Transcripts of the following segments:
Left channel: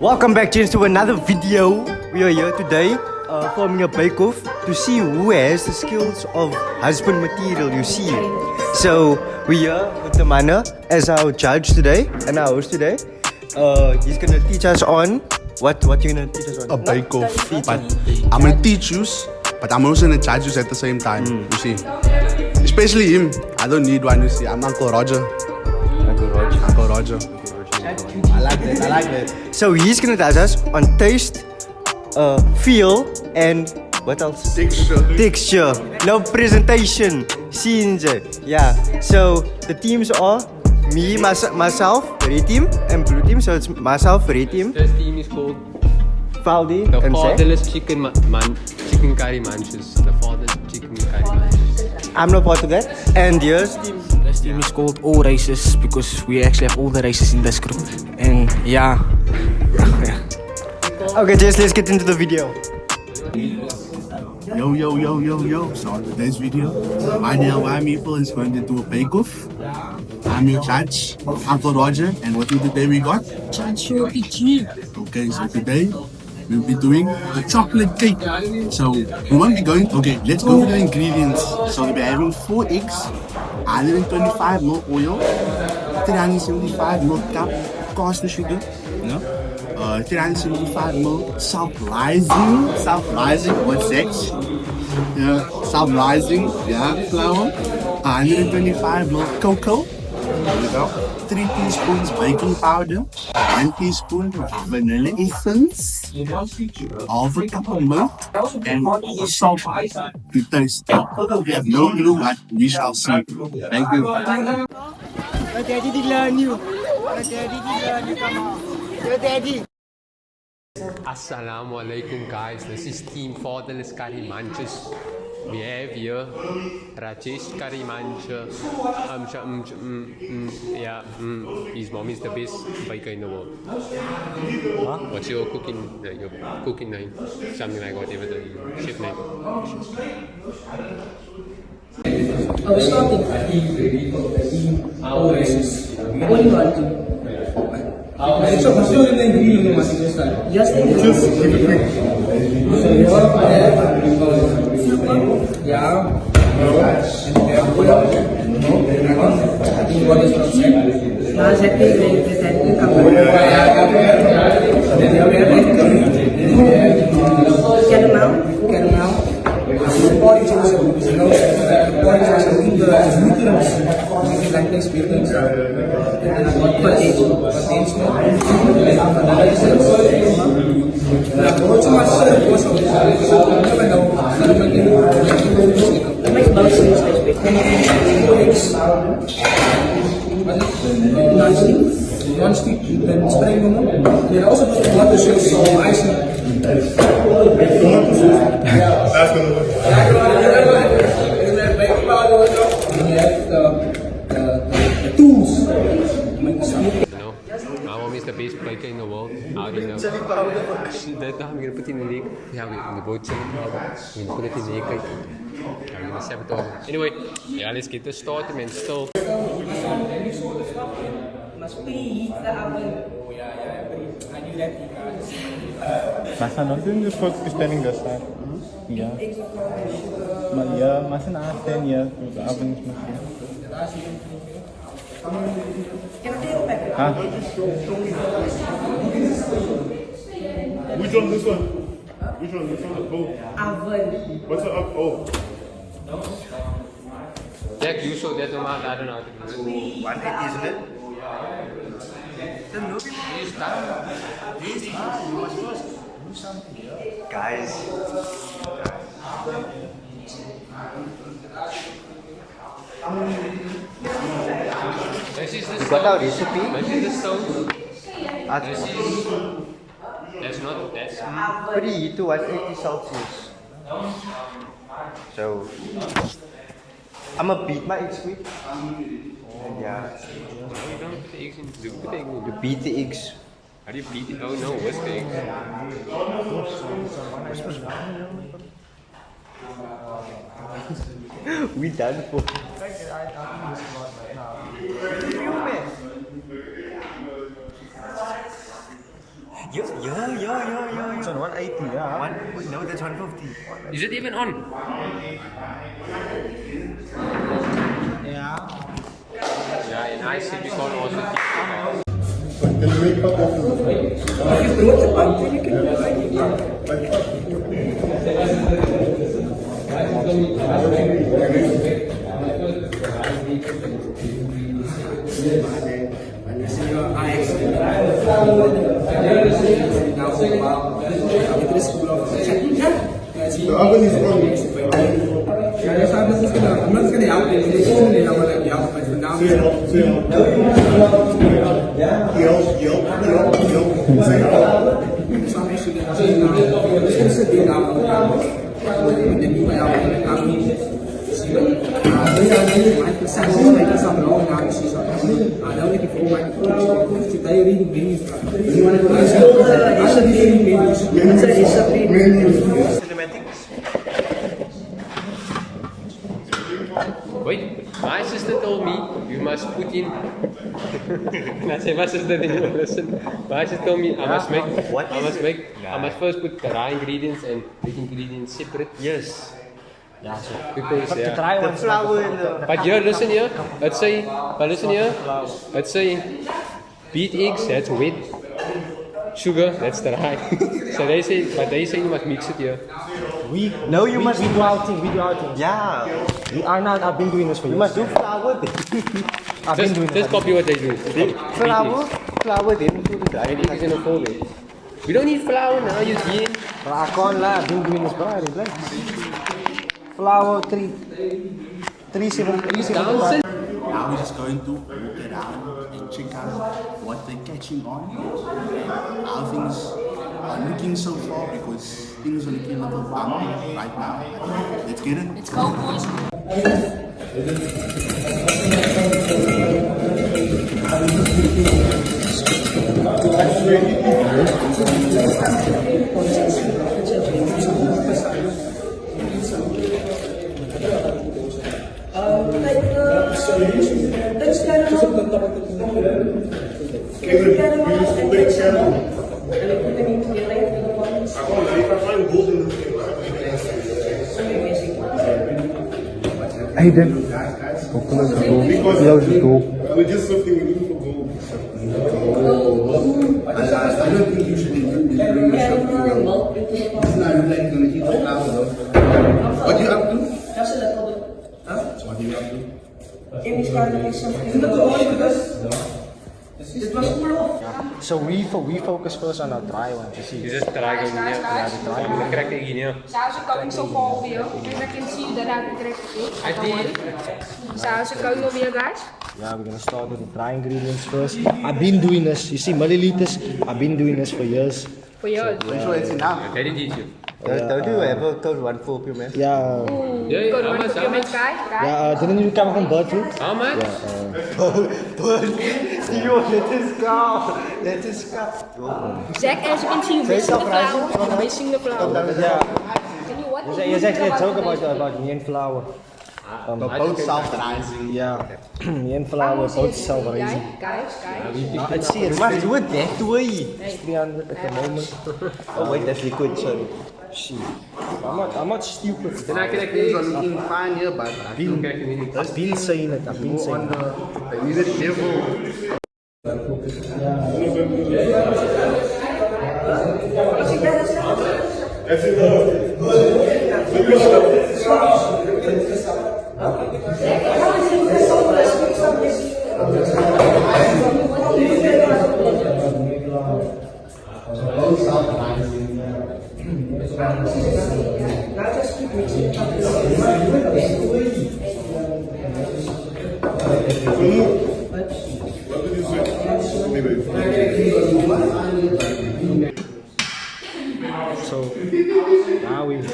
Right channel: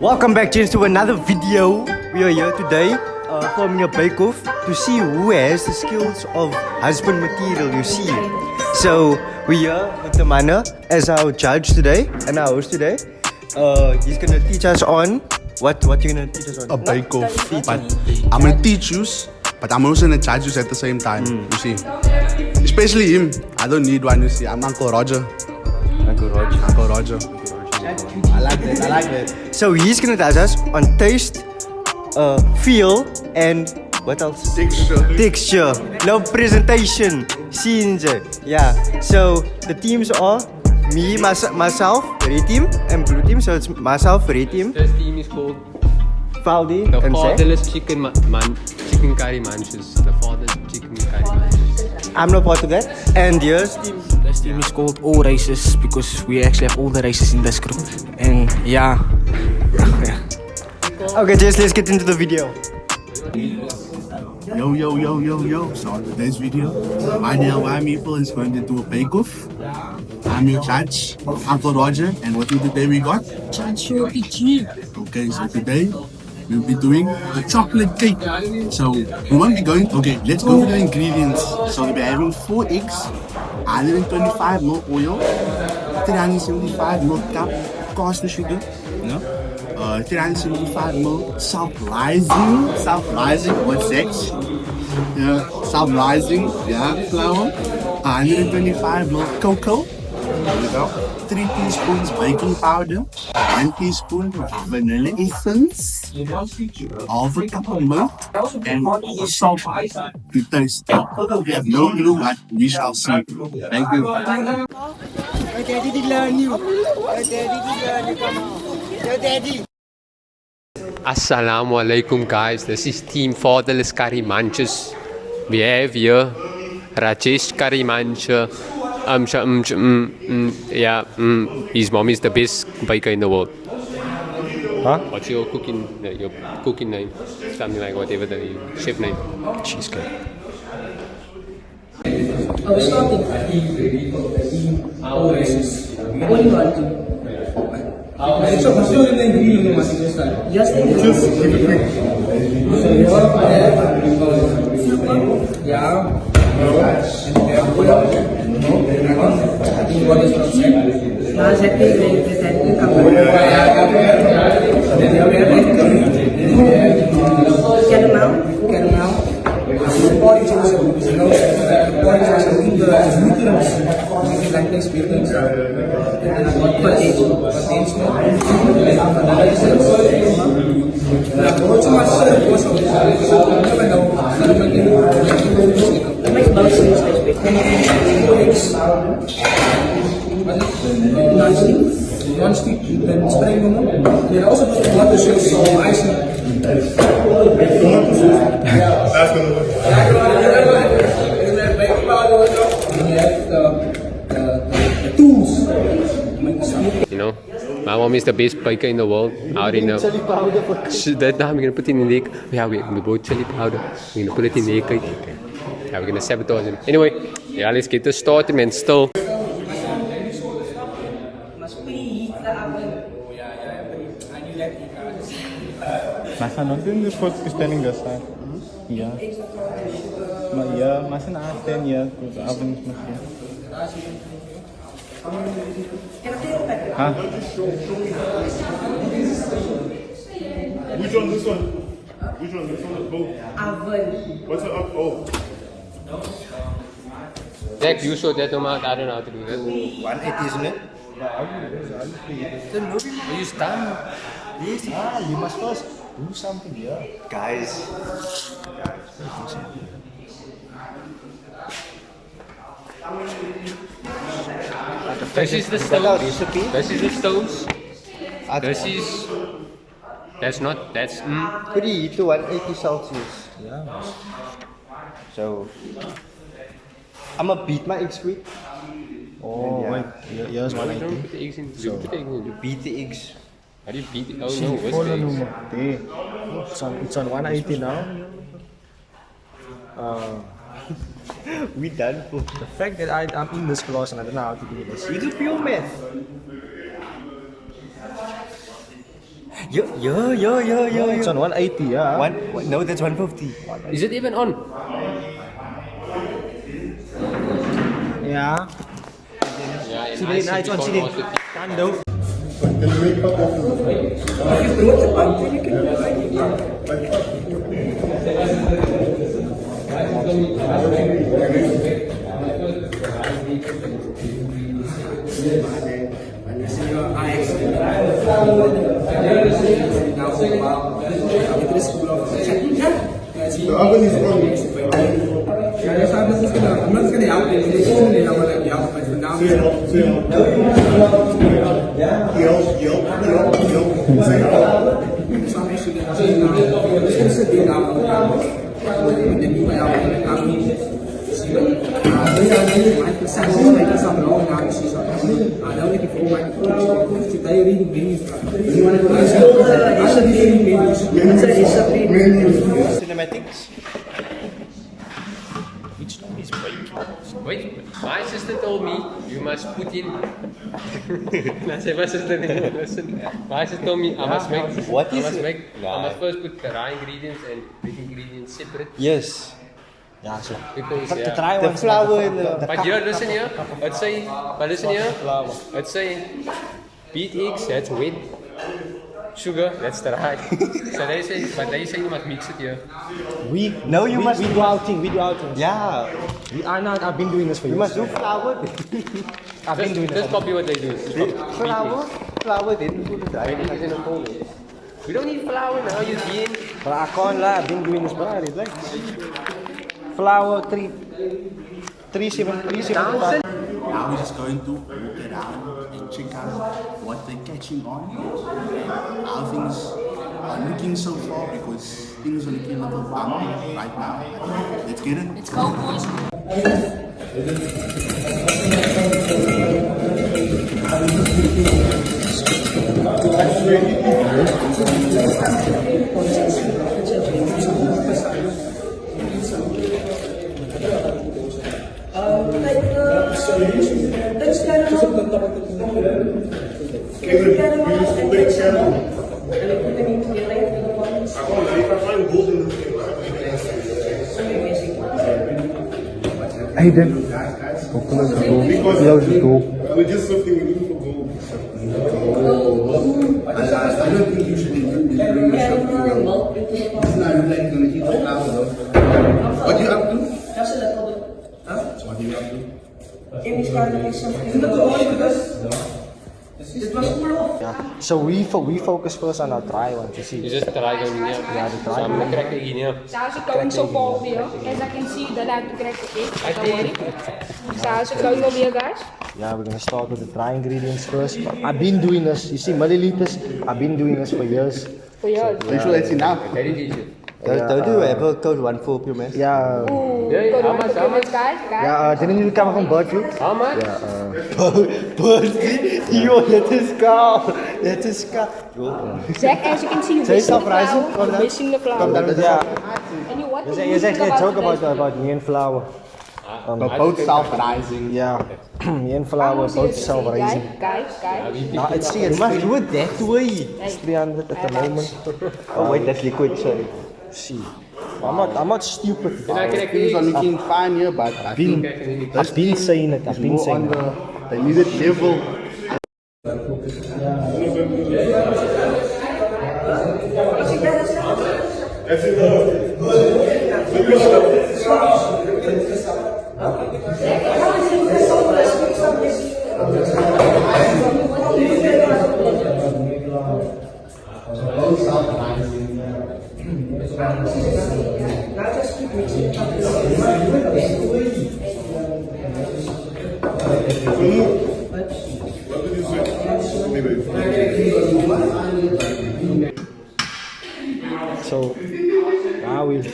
Welcome back, gents, to another video. We are here today forming a bake-off to see who has the skills of husband material, you see. So we're here with the Mana as our judge today and our host today. He's gonna teach us on what you're gonna teach us on? A bake-off. But I'm gonna teach you, but I'm also gonna judge you at the same time, you see. Especially him. I don't need one, you see. I'm Uncle Roger. Uncle Roger. I like that. So he's gonna judge us on taste, feel, and what else? Texture. No presentation. Scenes. Yeah. So the teams are me, myself, red team, and blue team. So it's myself, red team. This team is called Valdi the and fatherless chicken curry munches. The fatherless chicken curry munches. I'm not part of that. And yours team. This team is called all races because we actually have all the races in this group. And yeah. Okay, just let's get into the video. Yo. So on today's video, my DIY people is going to do a bake-off. I'm your judge, Uncle Roger, and what today we got? Okay, so today we'll be doing a chocolate cake. So we won't be going. Okay, let's go to the ingredients. So we'll be having 4 eggs, 125 ml oil, 375 ml cup caster sugar, 375 ml self-rising, what's that? Yeah, self-rising, flour, 125 ml cocoa, 3 teaspoons baking powder, 1 teaspoon vanilla essence, half a cup of milk, and salt to taste. We have no clue, but we shall see. Thank you. Assalamu alaikum, guys. This is Team Fatherless Curry Munches. We have here Rajesh Curry Muncher. His mom is the best baker in the world. Huh? What's your cooking name? Something like whatever the chef name. Cheesecake. We're starting. All races. What do you want to? So, what's your ingredient? Just the ingredients. So, you have yeah. What is from set? Now, set the caramel. Body juice, body juice, nutrients, like this, nutrients, and proteins, non-stick, then spray them. They also put water, so icing. That's gonna work. The tools. You know, my mom is the best baker in the world. I already know. That time we're gonna put it in the egg. Yeah, we bought chili powder. We're gonna put it in the egg. Yeah, we're gonna sabotage it. Anyway, yeah, let's get this started, man. Still. Masa nonton is supposed to be standing this side. Yeah. But yeah, masa natin ya untuk apa ni semua. Huh? Which one? This one is both. Oven. What's the up? Oh. That you show that amount. I don't know how to do this. 180, isn't it? Use time. You must first do something here. Guys. This is the You got our stones. recipe? This is the stones. This is. That's not. That's. Pretty to 180 Celsius. So I'm gonna beat my eggs quick. Oh, yeah. Yes, Why we don't put the eggs in? You put the eggs in. You beat the eggs. How do you beat it? Oh no, what's the eggs? It's on 180 now. We done for. The fact that I'm in this class and I don't know how to do this. You do pure math. Yeah. It's on 180, yeah. No, that's 150. Is it even on? Yeah. Yeah, and I see it's on this one CD. also. Can you make up of the oven is on. I'm not just gonna help you. This is really not gonna help, but for now, Say help. Say help. Yelp. Say help. so I'm actually gonna change now. I'm just gonna sit there now. And then you might have my son is making some wrong now. She's now looking for my today reading menus. You want to I should be reading menus. Cinematics. Wait, my sister told me you must put in. And I said, my sister didn't listen. My sister told me I must I must first put the raw ingredients and wet ingredients separate. Yes. Because The yeah. dry The one's flour in the. But here, listen here. Let's say beat eggs, that's wet. Sugar, that's dry. So they say you must mix it here. No, you must. We do our thing. Yeah. We are not. I've been doing this for You years. must do flour. I've been doing this. Just copy what they do. Flour, then do the dry. We don't need flour now, you see. But I can't lie. I've been doing this, but I relax. Flour 375. Now we're just going to look around and check out what they're catching on and how things are looking so far, because things are looking a little bumpy right now. Let's get it. Let's go, boys. Hey, then. Because we're just looking for gold. I don't think you should bring yourself to it's not like going to keep the flour though. What do you up to? So what do you up to? So we focus first on our dry ones, you see. You just try going here. Yeah, the dry I'm one. gonna crack it here. So how's it going so far over here? As I can see that I've cracked the egg. I did. So how's it going over here, guys? Yeah, we're gonna start with the dry ingredients first. I've been doing this, you see, milliliters. I've been doing this for years. For yours. I'm sure it's enough. They didn't teach you. Don't you ever code one for you, man? Yeah, Ooh, Yeah, good how one much, for how comments, much? guys. yeah. Didn't you come from bird fruit? How much? Yo, let us go. Zach, as you can see, you're missing the flour. You're missing the flour. Yeah. And you what? There's actually a joke about me and flour. Both self-rising. Yeah, me and flour both self-raising. Guys. Nah, it's You must do it that way. It's 300 at the moment. Oh wait, that's liquid, sorry. See, I'm not stupid. Then I crack the Things are eggs. looking fine here, but I think I've been saying it. I've been more saying on it. the needed level. That's enough. What did you say? So now we. If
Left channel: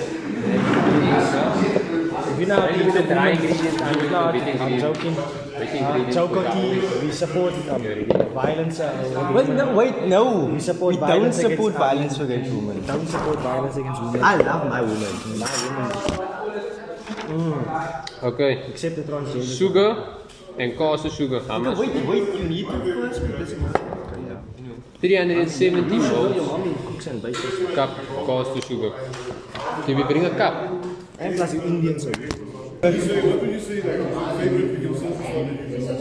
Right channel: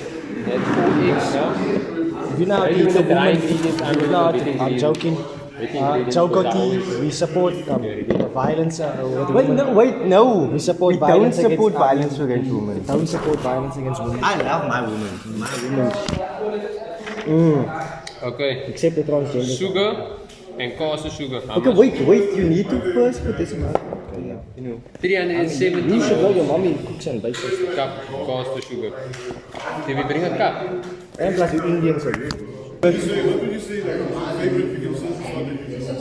you know how to You do said the dry woman, ingredients, I'm if you going know to how wet to- I'm ingredients. joking. Wet ingredients. Chokoti, we support violence. Wait, no. We support We don't violence support against- violence against women. Don't support violence against women. I love my woman. My woman. Okay. Except the transgender. Sugar and caster sugar. How much? Wait, you need to first put this in. Okay, yeah. 370 You should know ml your mommy cooks and bakes. cup cost to sugar. Did we bring a cup? And plus you Indian, so. When you say like favorite video since you started YouTube,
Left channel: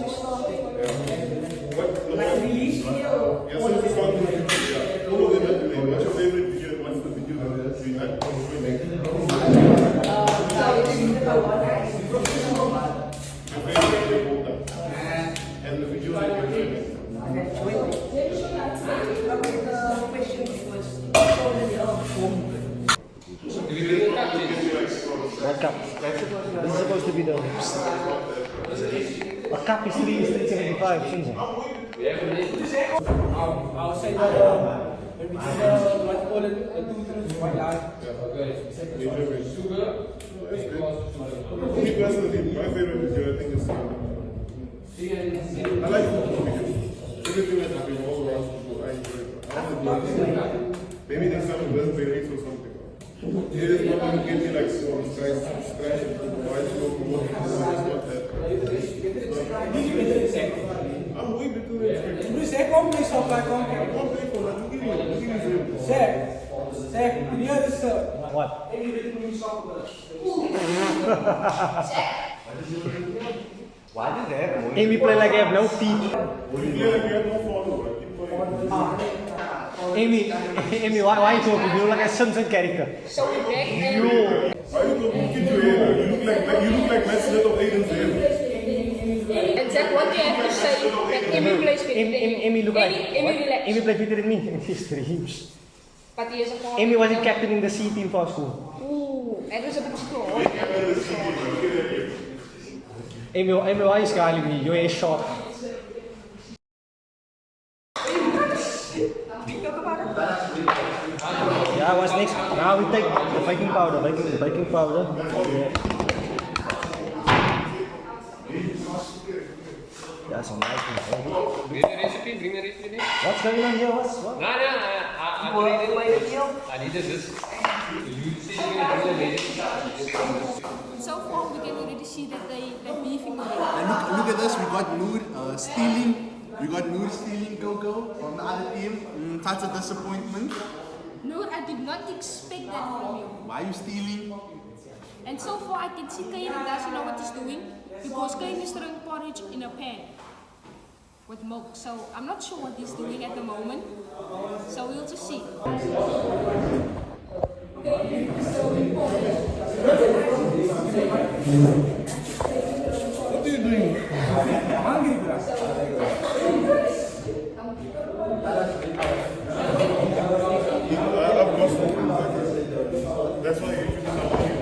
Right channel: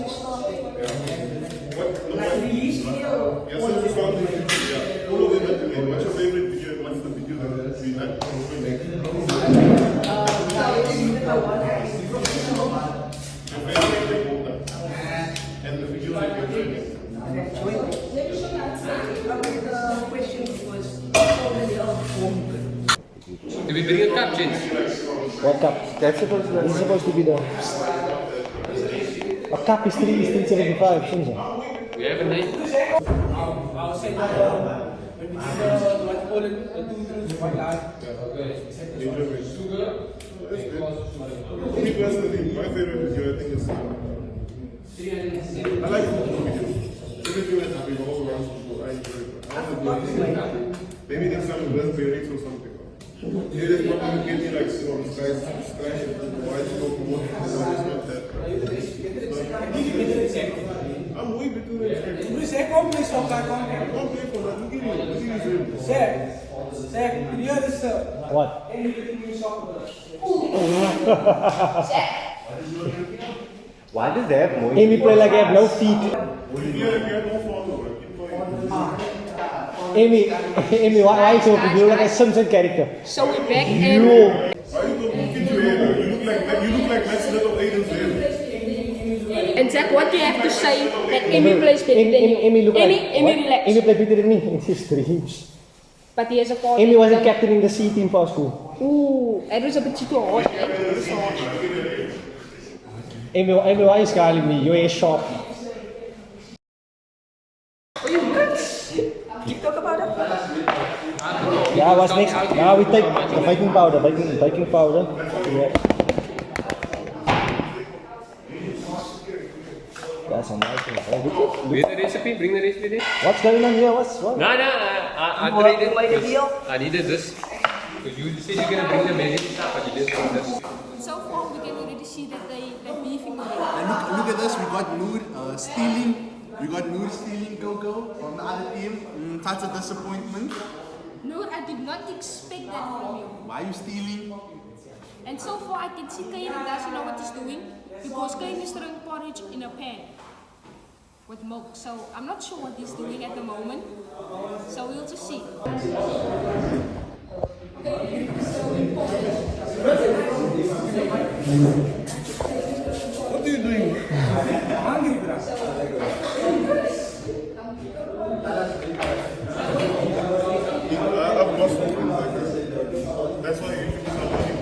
what yeah, since you started YouTube, yeah, all of them have to make. What's your favorite video? What's the video that you like? And the video that you're doing. Did we bring a cup, James? What cup? This is supposed to be the. A cup is 375, shouldn't it? We have a name. I'll say what call it, Me personally, my favorite video I think is I like cooking because everything that's revolves around food, I enjoy it. I want to do it. Maybe there's some raspberries or something. Yeah, this probably will give me like some scratch and why it's so more. It's not that. I'm way bigger than expected. You say come next time, come. I'm way for that. Give me Say, hear this, sir. What? What is that? Amy play like I have no feet. Yeah, we have no phone. Amy, why you talking? You look like a Simpson character. So we're back in. Why you don't look at your hair? You look like that's little Aiden's hair. And Zach, what do you have to say that Amy plays better than you? Amy look like. Amy, what? relax. Amy played better than me in his dreams. But he has a call. Amy wasn't captain in the C team for school. Ooh, that was a bit too hard. Amy, why are you scaring me? Your hair is sharp. Yeah, what's next? Now we take the baking powder. Baking powder. Yeah. That's some lighting. Bring the recipe, bring the recipe. What's going on here? What? No, I tried it. I needed this. You said you're gonna bring the magic stuff, but you just brought this. So far, we can already see that they're beefing already. And look at this, we got Noor stealing. We got Noor stealing Coco from the other team. That's a disappointment. No, I did not expect that from you. Why are you stealing? And so far, I can see Kane doesn't know what he's doing because Kane is throwing porridge in a pan with milk. So I'm not sure what he's doing at the moment. So we'll just see. What are you doing? I've lost something like that. That's why YouTube is not working.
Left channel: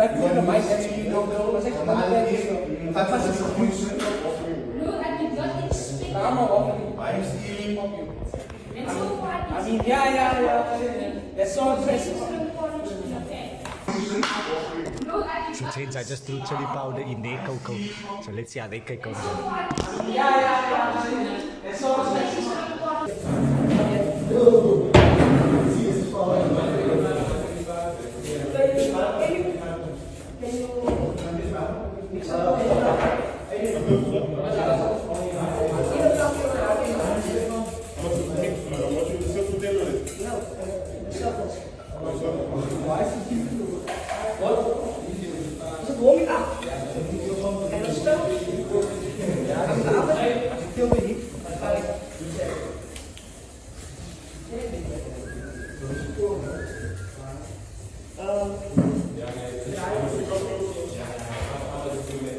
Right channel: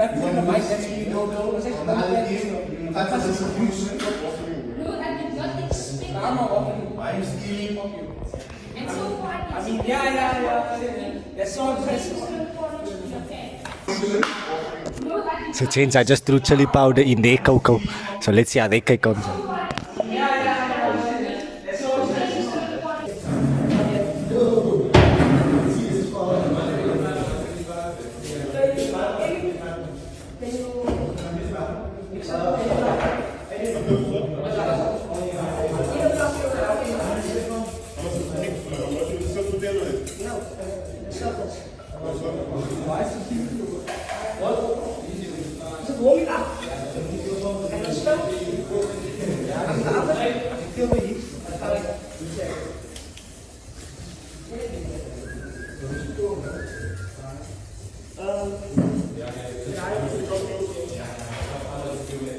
Like for the mice, actually, No, I did not expect that. Why are you stealing? And so far, I I mean, yeah. That's so impressive. So change, I just threw chili powder in their cocoa. So let's see how they cake comes out.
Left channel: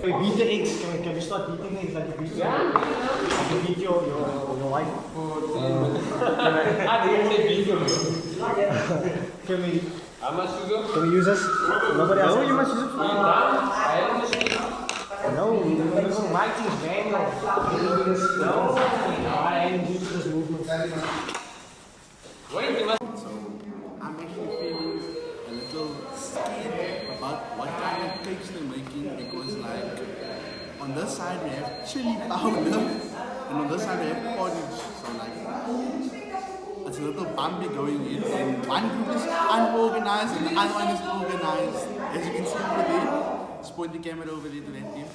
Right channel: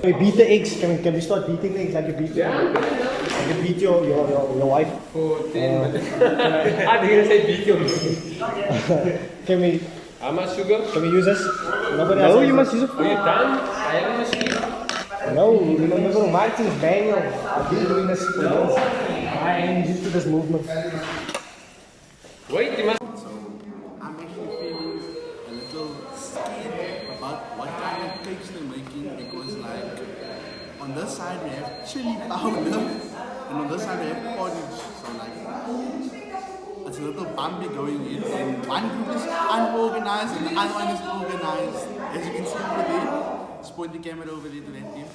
Can we beat the eggs? Can we start beating the eggs like you beat like you beat your wife? I didn't say video. Can we How much sugar? can we use this? Nobody else. No, you must use it. Are you done? I haven't received. No, my thing's manual. No. I ain't used to this movement. Wait, you must. So I'm actually feeling a little scared about what kind of cakes they're making because like on on this side we have chili powder, and on this side we have porridge. So like, it's a little bumpy going in, and one group is unorganized and the other one is organized. As you can see over there, just point the camera over there to that team.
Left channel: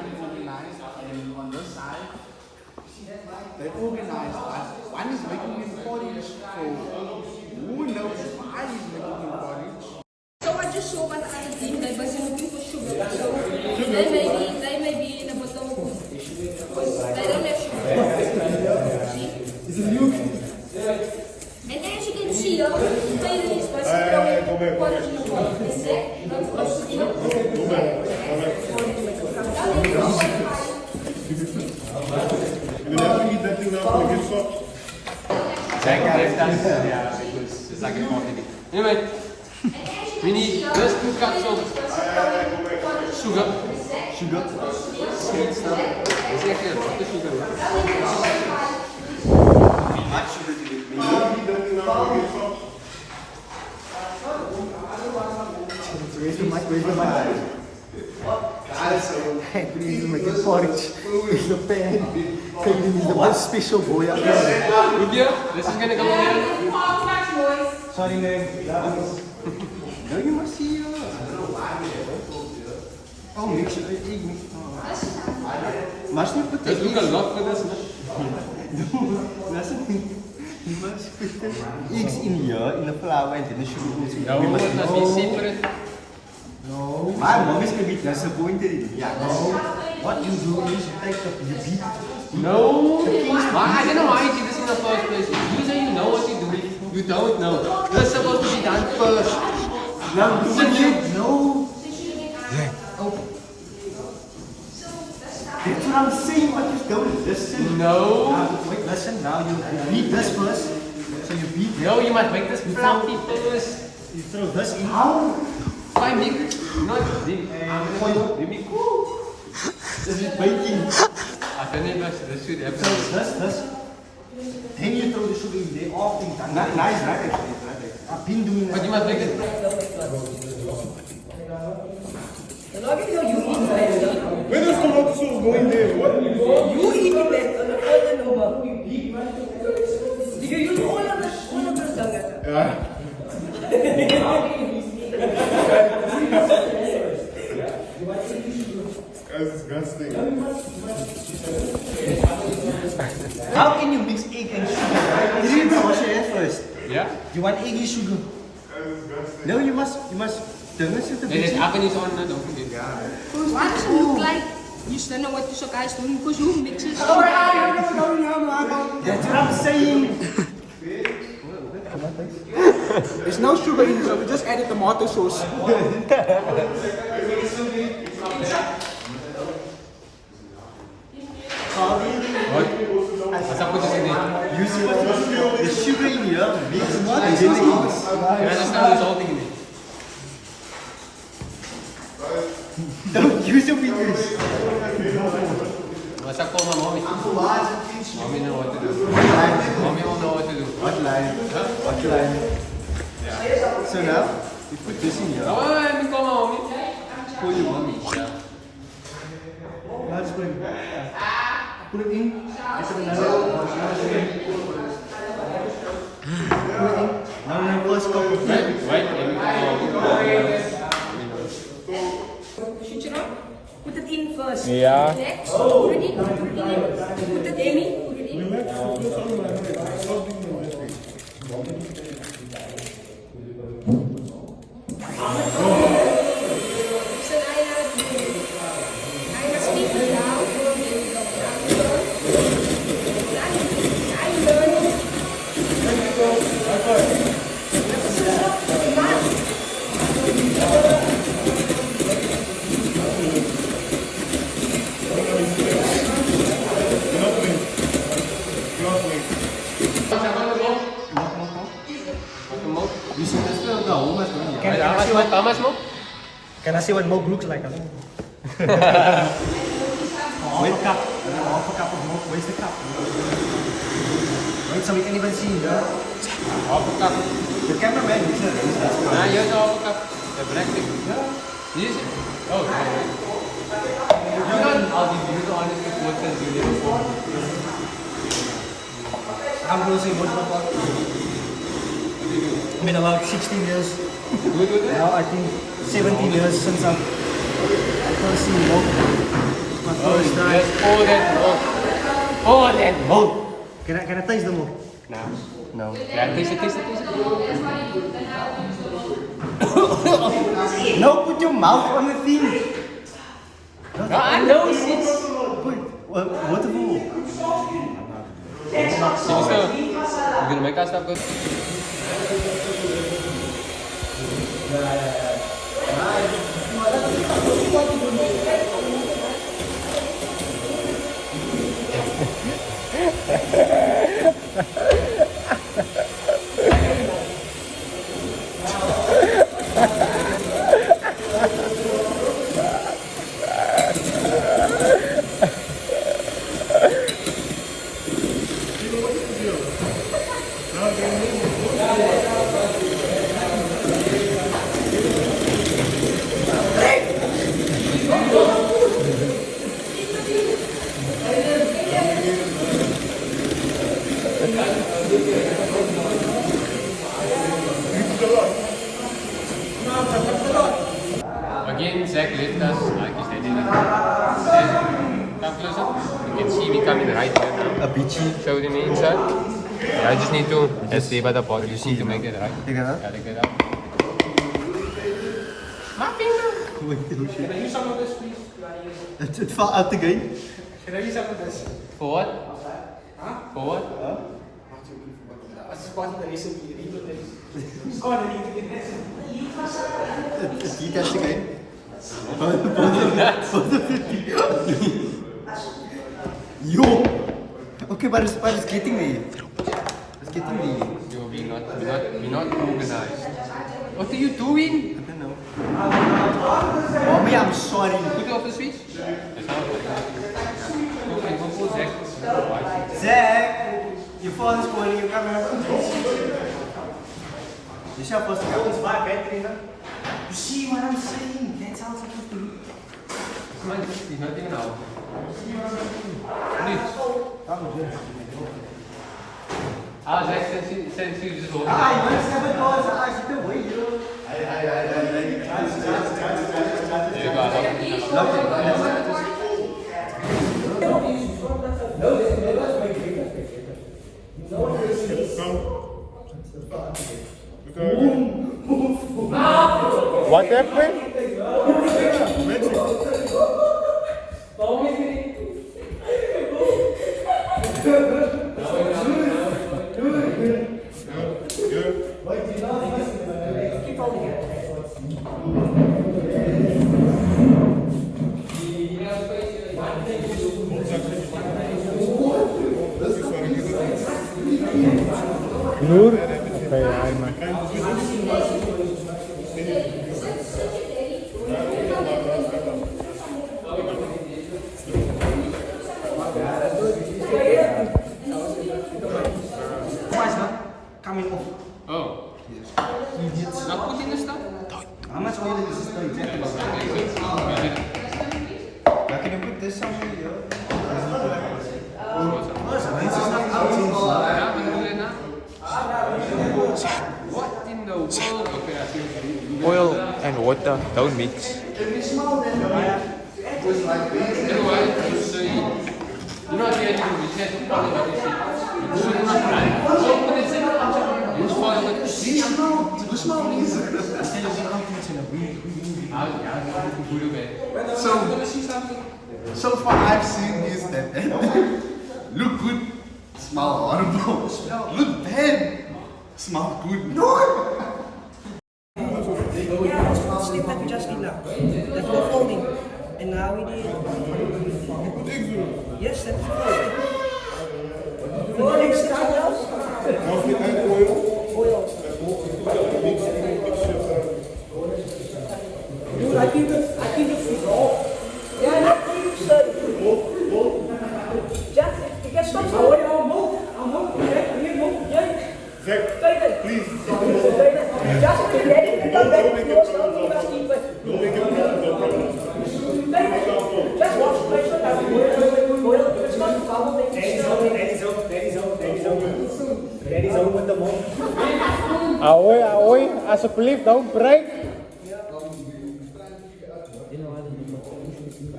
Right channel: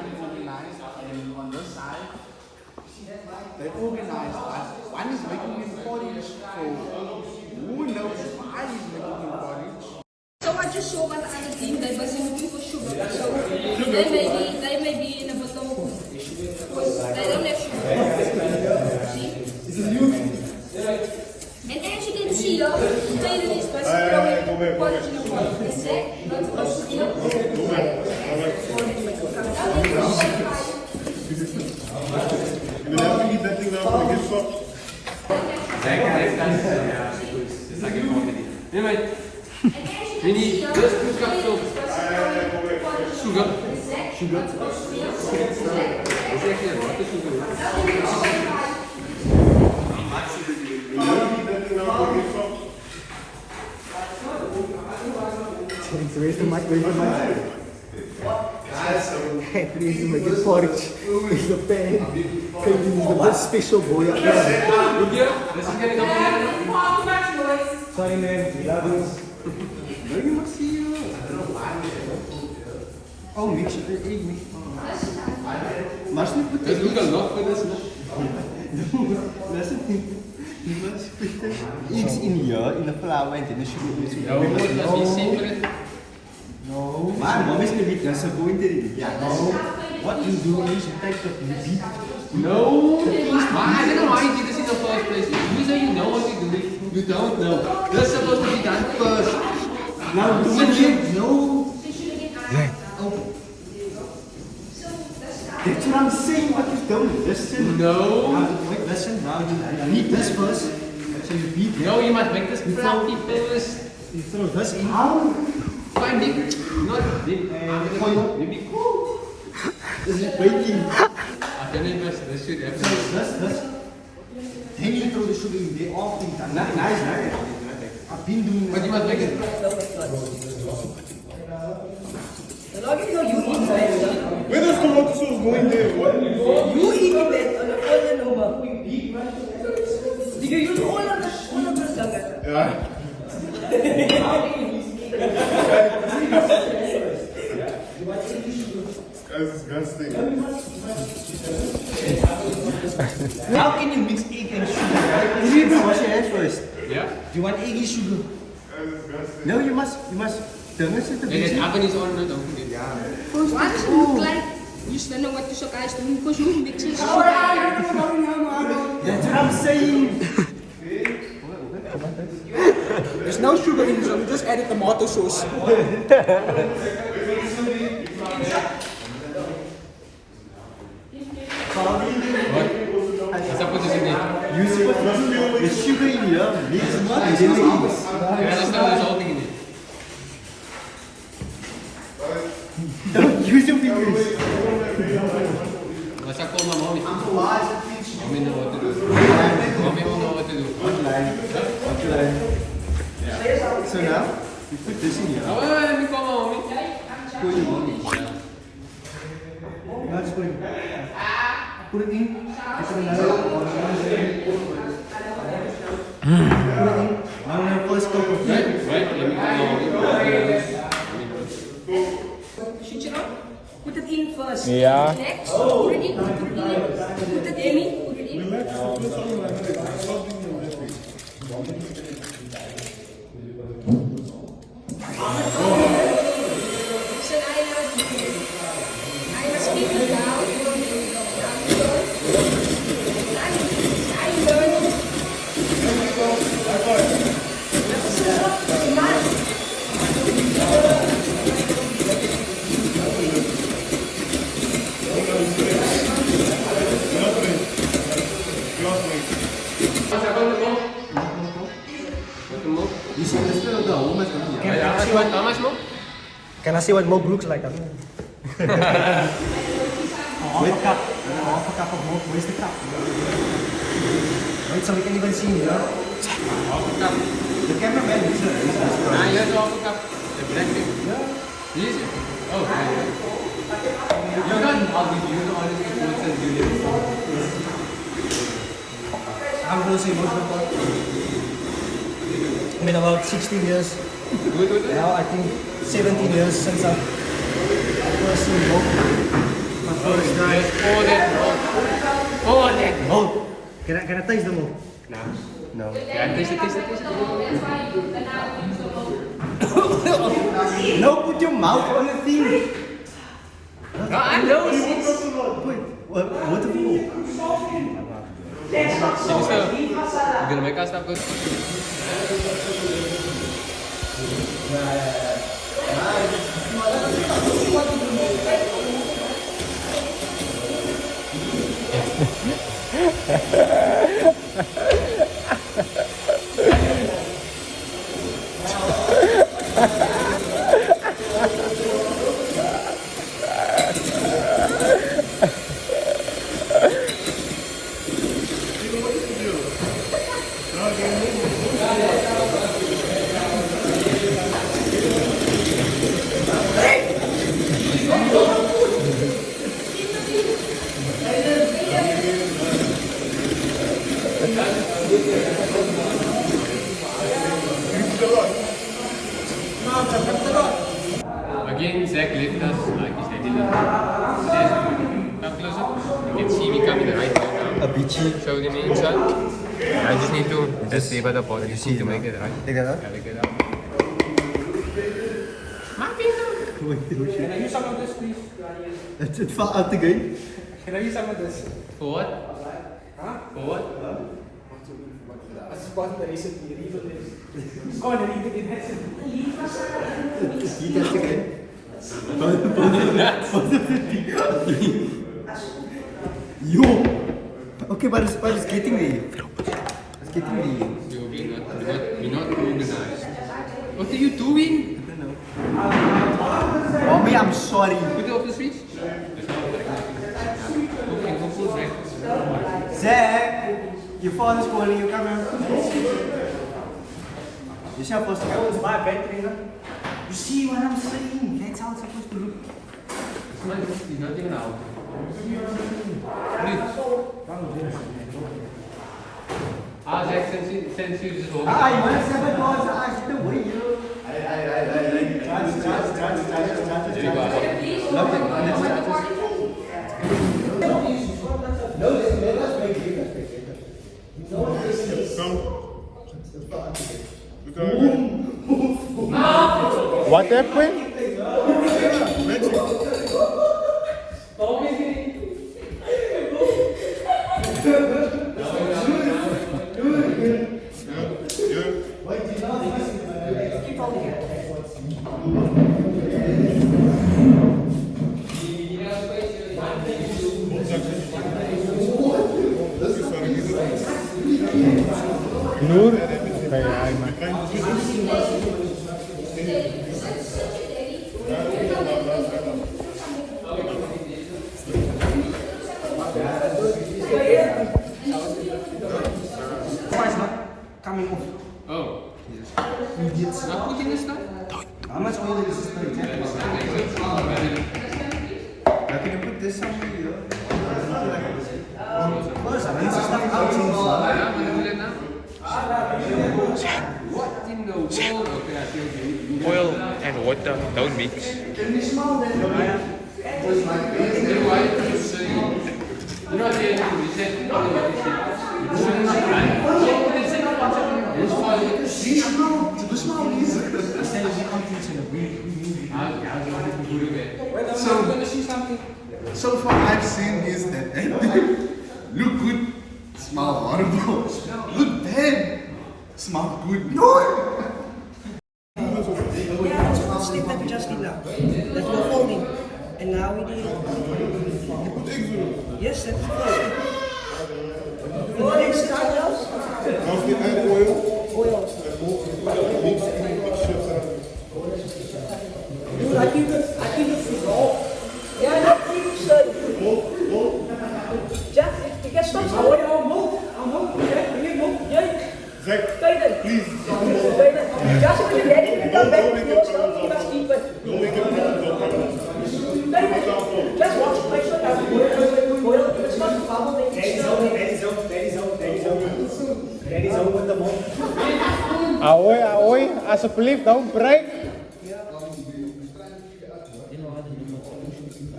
Unorganized, and on this side they're organized. One is making him porridge, so who knows why he's making him porridge. So I just saw one other thing, they were looking for sugar. So they may be in a bottle. They don't have sugar. See? And as you can see, the tailor is throwing porridge in the water. It's not also in a You will have to eat that thing now to get soft. Anyway, we need just 2 cups of sugar. It's actually a lot of sugar. Where's the mic? Where's the mic? Hey, please make it porridge in the pan. Kevin is the most special boy up here. Good deal? This is gonna go in. Sorry man, love you. No, you must see you. Oh, mix it, egg mix. Must not put Let's do a lot for this. you must put the eggs in here, in the flour, and then the sugar also. No, it must be separate. No. Maar mom is a bit disappointed in you. Yeah. No. What you do is you take the beat. No. I don't know why you did this in the first place. You say you know what you're doing. You don't know. You're supposed to be done first. Now do it. No. That's what I'm saying, but you don't listen. No. Now, wait, listen. Now you beat this first. So you beat. No, you must make this fluffy first. You throw this in. How? Fine, deep. Not deep. Maybe cool. This is baking. I don't know if this should have. So this. Then you throw the sugar in there, off in time. Nice, right? I've been doing that. But you must make it. Where does tomato sauce go in there? What? You eat it on the other number. You use all of the Yeah. Guys, it's disgusting. How can you mix egg and sugar? You need to wash your hands first. Yeah? You want eggy sugar? No, you must turn this into This basic. oven is on, don't forget. Yeah. Why does it look like you still know what the sugar is doing because you mix it? That's what I'm saying. There's no sugar in it, so we just added tomato sauce. What's up with this in it? You see what the sugar in here, mix what and then the eggs. Yeah, just now there's all thing in it. Don't use your fingers. What's up for my mommy? Mommy know what to do. Mommy will know what to do. What line? What line? Yeah. So now, you put this in here. Oh, let me call my mommy. For your mommy. Yeah. Now just put it in. Put it in. Get it another. Put it in. Now first cup of milk. Right, let me call my mommy. Switch it on. Put it in first. Yeah. Next, put it in. Put it in. Put it in. So now you have to do it. I must keep it down. You see this one? No, how much money? How much more? Can I see what milk looks like? Half a cup. Half a cup of milk. Where's the cup? Wait, so we can even see here. Half a cup. The cameraman is here. Ah, here's the half a cup. The black thing. Yeah. Easy. Oh, I'm close to emotional part. It's been about 16 years. Now I think 17 years since I've first seen milk. My first time. Yes, pour that milk. Pour that milk. Can I taste the milk? No. No. Yeah, taste it. No, put your mouth on the thing. No, I know it's... What the fuck? So, we're gonna make us that good. Again, Zach left us, like he said. Come closer. You can see me coming right here. A beachy. Show the names out. I just need to just see by the pot. I just need to make it right. Take that out. Yeah, like that up. Wait, oh shit. Can I use some of this, please? It fell out again. Can I use some of this? For what? Huh? For what? As part of the recipe, read on this. It's gone and eat it. He does again. Both of it. Yo! Okay, but it's getting there. It's getting there. You're not organized. What are you doing? I don't know. Mommy, I'm sorry. Put it off the switch. Okay, go pull Zach. Zach! Your father's calling you, come here. You're supposed to come. It's my battery now. You see what I'm saying? That's how it's supposed to look. He's not even out. Please. Zach, since you just hold You want to step it down? Get away, you know. What happened? Nur? Okay, einmal. Why is not coming off? Oh. Idiots. Not putting the stuff? How much oil is this thing? I can put this somewhere here. First, rinse this stuff out since. What in the world? Okay, I see. Oil and water don't mix. So far I've seen is that look good, smell horrible. Look bad, smell good. No! Slip that we just did now. That we're folding. And now we need. Yes, that's it. But then something else? Dude, I think it's raw. Yeah, that thing is Jeff, you get stuff. I want to move. I'm moving. Yeah. Zach, please. Just when you're ready to come back, you know, something must keep it. Don't make it Ahoy, alsjeblieft, don't break.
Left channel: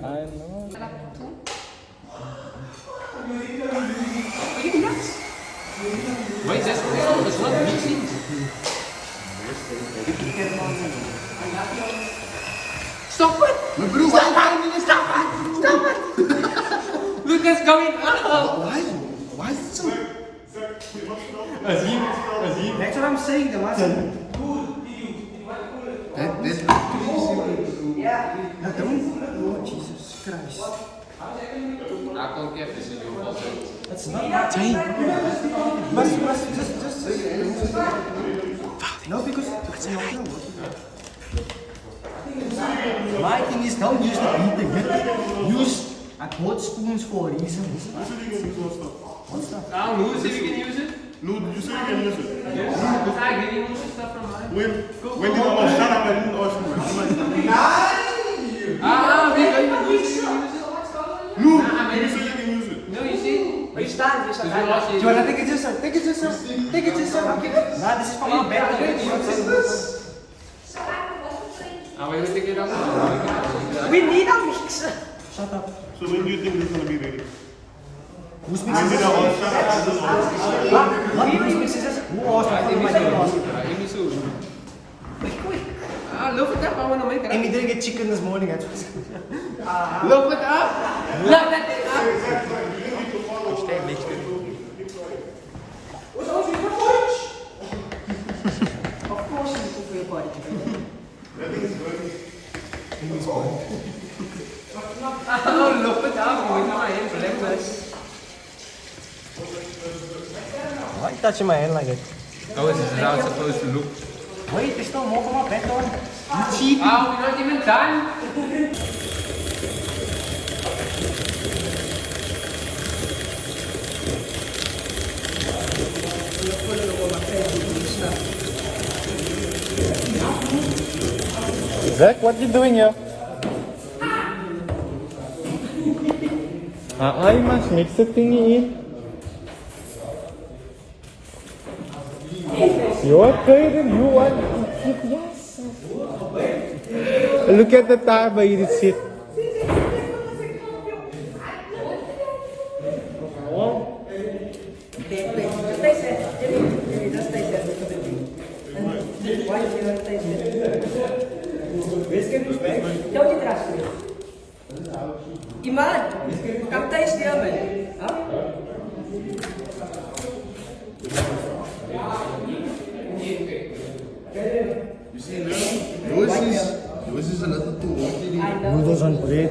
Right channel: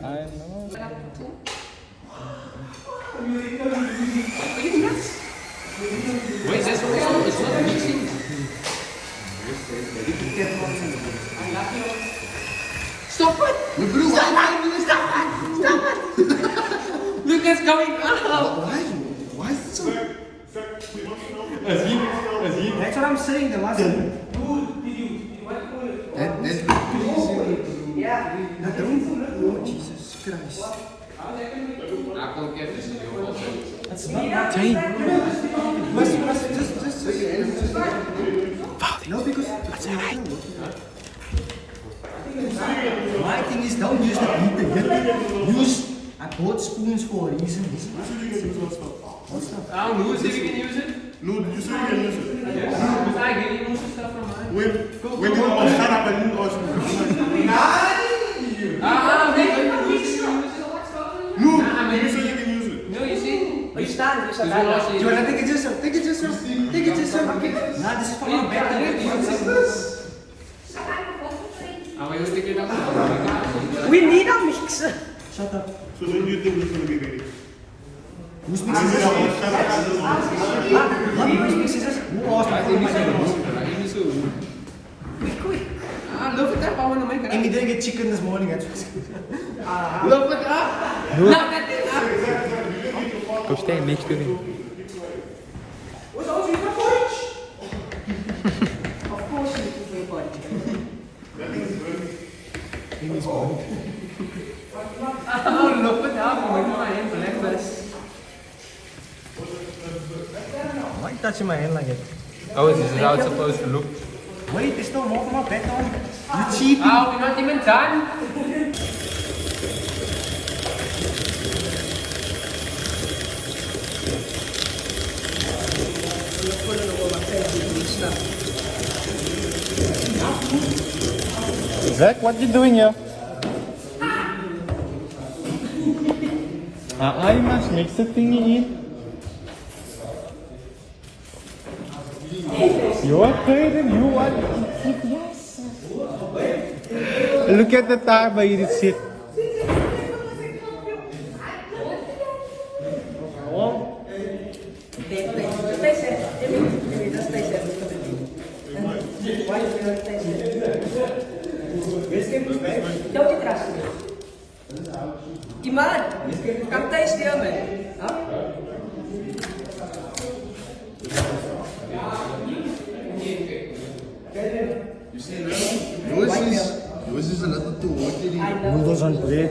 I know. Wait, that's right. It's not mixing. Stop it! Stop it! Look, it's going up! Why is it so? That's what I'm saying, the master. That's crazy. That room? Lord Jesus Christ. I can't get this in your water. That's not my time. Must just. No, because that's alright. My thing is, don't use the beater. Use. I bought spoons for a reason. What stuff? Who said you can use it? Lou, did you say you can use it? Yes. Was I giving you some stuff from mine? When did I shut up and didn't ask me? We're going to use it. Lou, did you say you can use it? No, you see? We stand. Do you want to Do you want to take it yourself? Take it yourself. Take it yourself. Nah, this is for our back. Are we going to take it out? We need a mixer. Shut up. So when do you think this is going to be ready? Who's When mixing did this? I all shut up and just ask? What mixes this? Who asked for my sauce? Quick. Look it up. I want to make it And up. we didn't get chicken this morning. Look it up. Look that thing up. Go stand next to me. Of course, you looking for your body. Look it up. You're making my hand breakfast. Why are you touching my hand like that? Oh, is this how it's supposed to look? Wait, there's still more from my back on. You cheating. We're not even done. Zach, what you doing here? You must mix the thingy in. Your parent, you want to eat yes. Look at the time, but you sick. Gimana? Kamu tes dia, man? You see, Louis is a little too watery. Noodles on bread.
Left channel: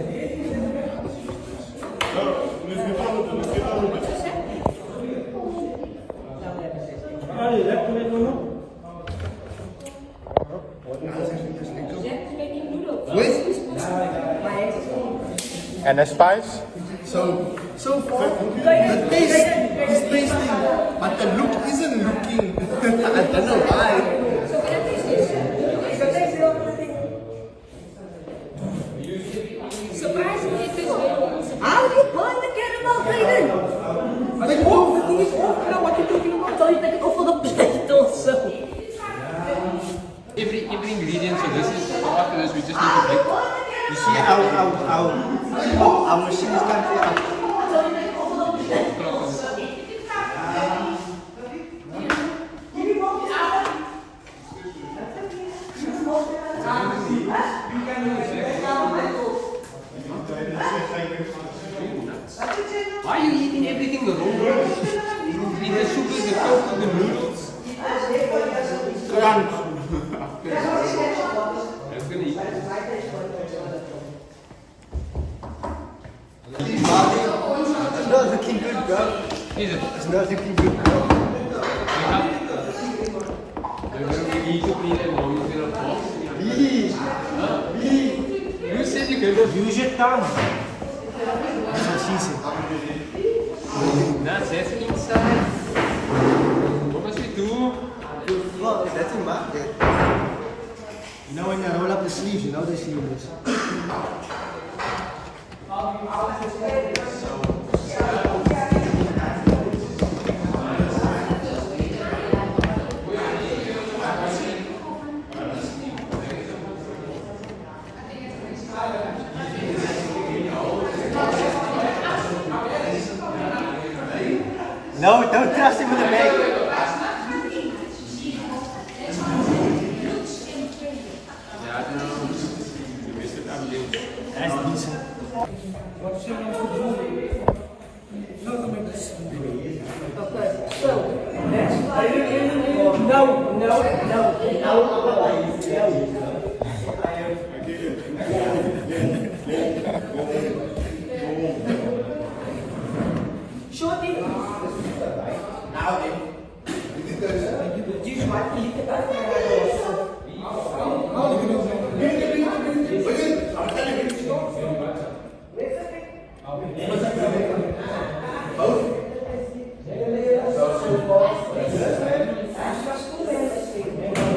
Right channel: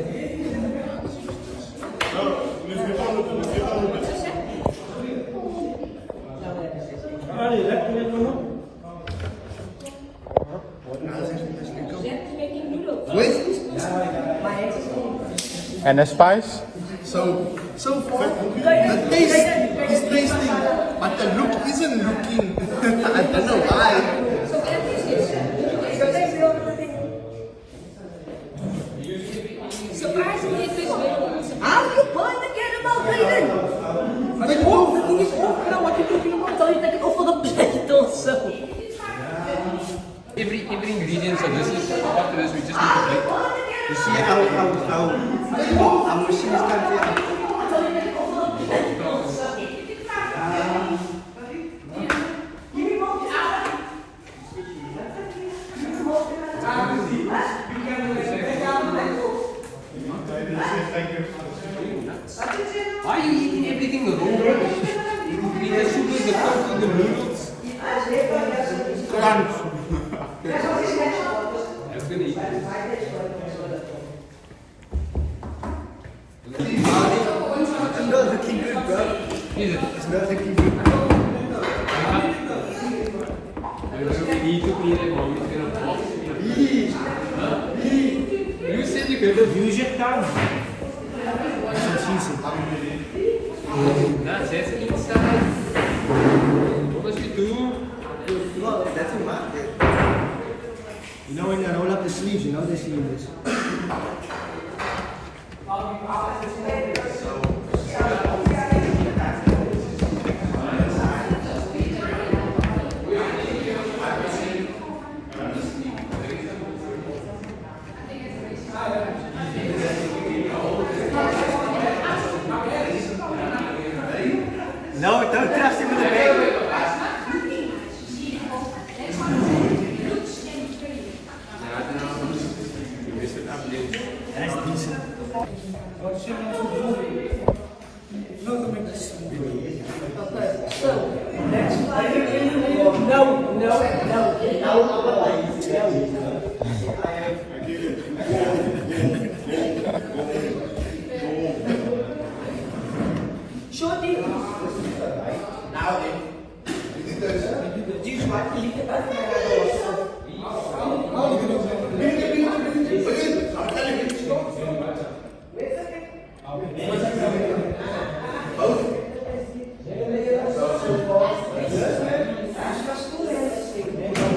And the spice? So far, the taste is tasting, but the look isn't looking. I don't know why. Surprisingly, it is very How you burn the caramel, Brayden? But it's off, the thing is off now. What you talking about? Tell you take it off for the potatoes. Every ingredient, so this is, so after this we just need to bake. You see how our machine is coming. Why are you eating everything raw? You eat the sugar, the tofu, the noodles. Crunch. I was gonna eat it. It's not looking good, bro. Is it? It's not looking good. We need to clean it, mom is gonna pop. You said you could. Use your tongue. That's what she said. That's just inside. What must we do? Well, that's in my way. You know when I roll up the sleeves, you know the sleeves.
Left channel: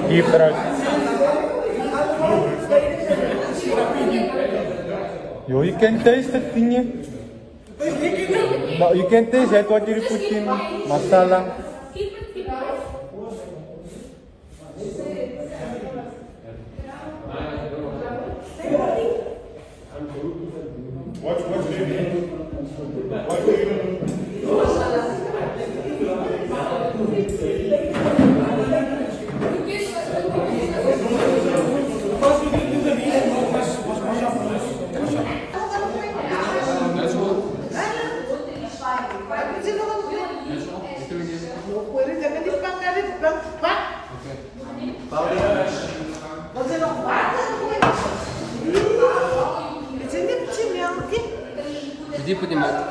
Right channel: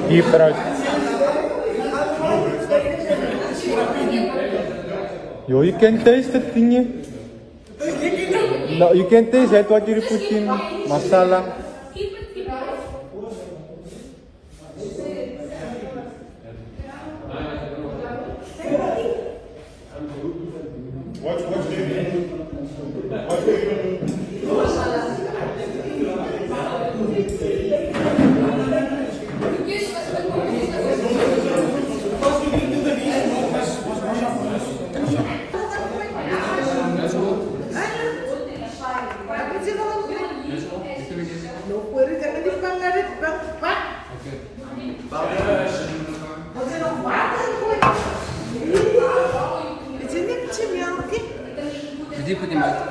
Dieper uit. Yo, you can taste that thing. No, you can taste it what you put in masala. Did you put in that?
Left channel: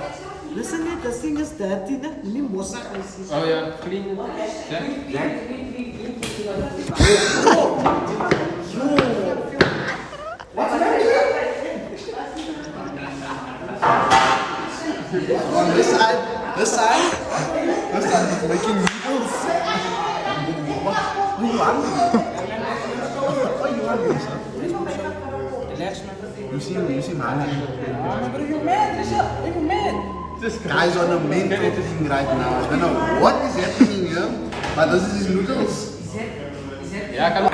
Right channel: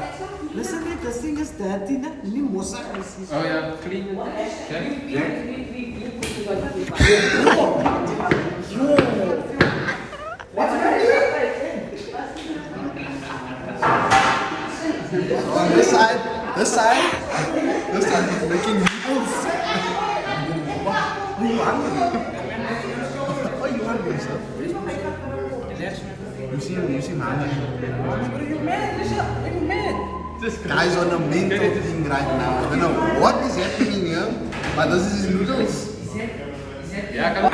Listen, the thing is dirty, na? Hindi mosa kasi. Oh yeah, clean. Yeah. On this side is making noodles. What you hungry? What you hungry, sir? You seem hungry. This guy's on a mental thing right now. I don't know what is happening here, but this is his noodles. Yeah, come on.